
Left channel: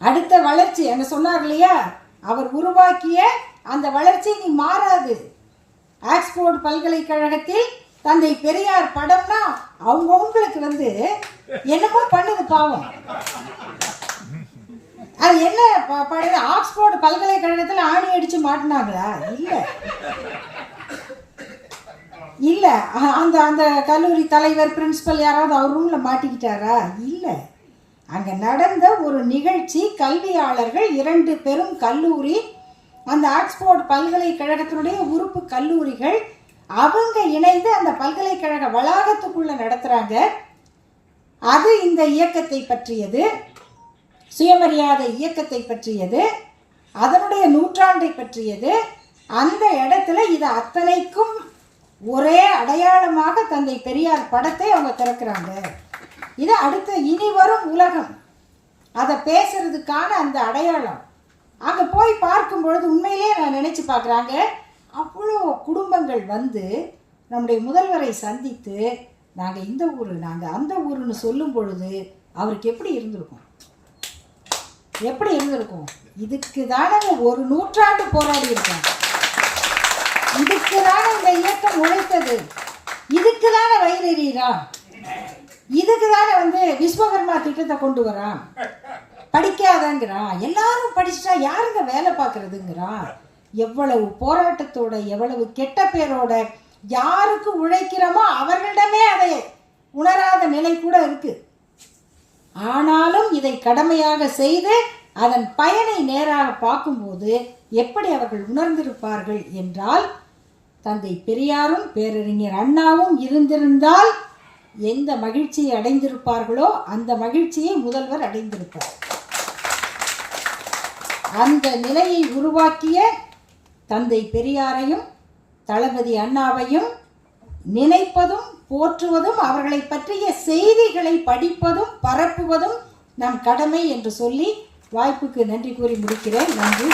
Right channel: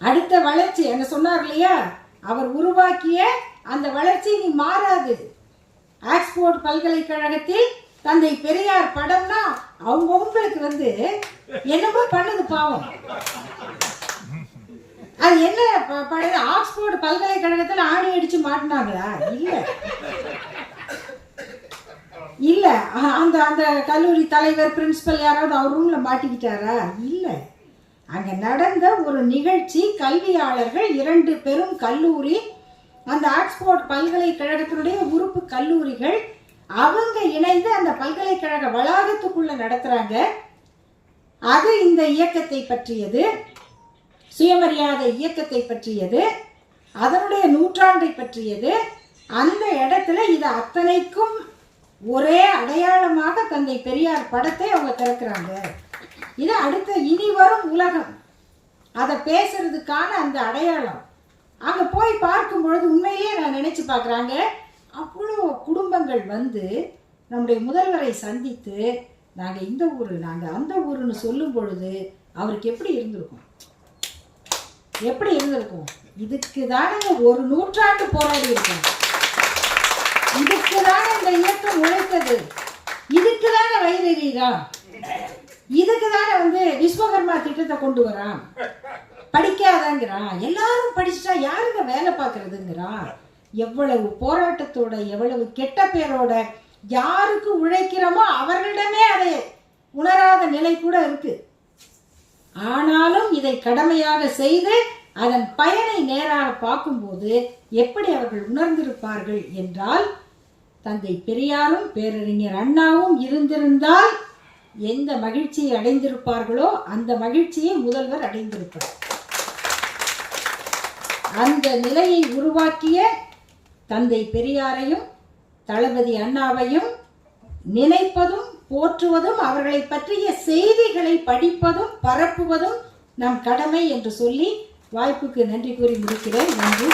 அடுத்த வளர்ச்சி அங்கே சொன்னார் இல்லையா, அவர் உருவாக்கிய அந்த வளர்ச்சி நீ மாறாது. ஆக்ஸ்போர்ட் பல்கலைக்கழகத்தில் தந்தை பெரியார் படம்னா அவங்களுக்கு என்னமோ பண்ணுது பாவம். அது என்ன படம்? ஆக்ஸ்போர்ட் பல்கலைக்கழகத்தில் ஆணி அடிச்சு மாட்டினாங்களா? இல்ல அந்த அந்த கல்லூரி தலைவர், பிரின்சிபல் யாராவது அவர் ரூம்ல மாட்டிக்கிட்டாரா? இல்லை. அங்க நடந்த ஒரு நிகழ்ச்சி, கல்வியாளர்கள் 2 பெரும் கல்லூரி அந்த ஆக்ஸ்போர்ட் பல்கலைக்கழகத்தினுடைய உறுப்பு கல்லூரிகள் அவங்க இணைந்து அந்த பல்கலைக்கழக வளாகத்துக்குள்ள நடத்துறாங்க. அது இந்த இயக்கத்தை பற்றியது, சுயமரியாதை இயக்கத்தை பற்றியது, அதனுடைய நூற்றாண்டை பற்றியது. அந்த இடத்துல இது அத்தனைக்கும் ஒரே அடையாளமாக தந்தை பெரியார் படத்தை அவங்க திறக்கிறாங்க. இது அடுத்த இனி வரும் உலகம் அதை பேசுறதுக்கான அந்த அடையாளம். அங்கே போய் பார்க்கும் பொழுது உண்மையிலே நான் நினைச்சு பார்க்குறாங்க, அவ்வளோ குடும்பங்கள் வந்து நம்முடைய முதல்வரை சந்தித்து நாங்கள் இந்த ஊர் நாங்கள் அந்த ஊருன்னு சொல்லும் பொழுது அவருக்கு எப்படி இருந்திருக்கும்? எப்படி இருந்திருக்கும்? இதுக்கு தானே ஒரு நூற்றாண்டு போராடி இருக்கோம், இதுக்கு தானே இந்த இயக்கம் உழைத்தது, இதுக்கு தானே வயிறீரா, இதுக்கு தானே வந்து விஸ்வகர்மா திட்டத்தை கொண்டு வரான், படிக்காதங்கிறான், எல்லாரும் படிச்சுட்டா யாருங்க வேலை பார்க்கறதுங்கிறான். எவ்வளவு போராட்டத்தோட எவ்வளவு கெட்ட பேரோட யாருக்கு உழைக்கிறோமோ அவர்களிடமே அதை உணராத நிலை கூட இருக்கு. ஆனாலும் இதை கடமையாக செய்து அதன் பயனை நேராக பார்க்கும்போது எப்படி அவர்கள் உணர்ந்திருப்பார்கள் என்றால், தந்தை பெரியாரும் பேரறிஞர் அண்ணாவும் இருந்திருந்தால் எந்த மகிழ்ச்சியை அடைந்திருப்பார்களோ அந்த மகிழ்ச்சியை முதல்வர் அடைந்திருப்பார். அந்த நிலையை உருவாக்கிய தந்தை பெரியாரையும் தளபதி அண்ணாவையும் நினைப்பதும் போற்றுவதும் அவர்களை பற்றிய செய்திகளை படிப்பதும் பரப்புவதும் நம் கடமை என்று சொல்லி வாய்ப்புக்கு நன்றி கூறி முடிக்கிறேன். நன்றி.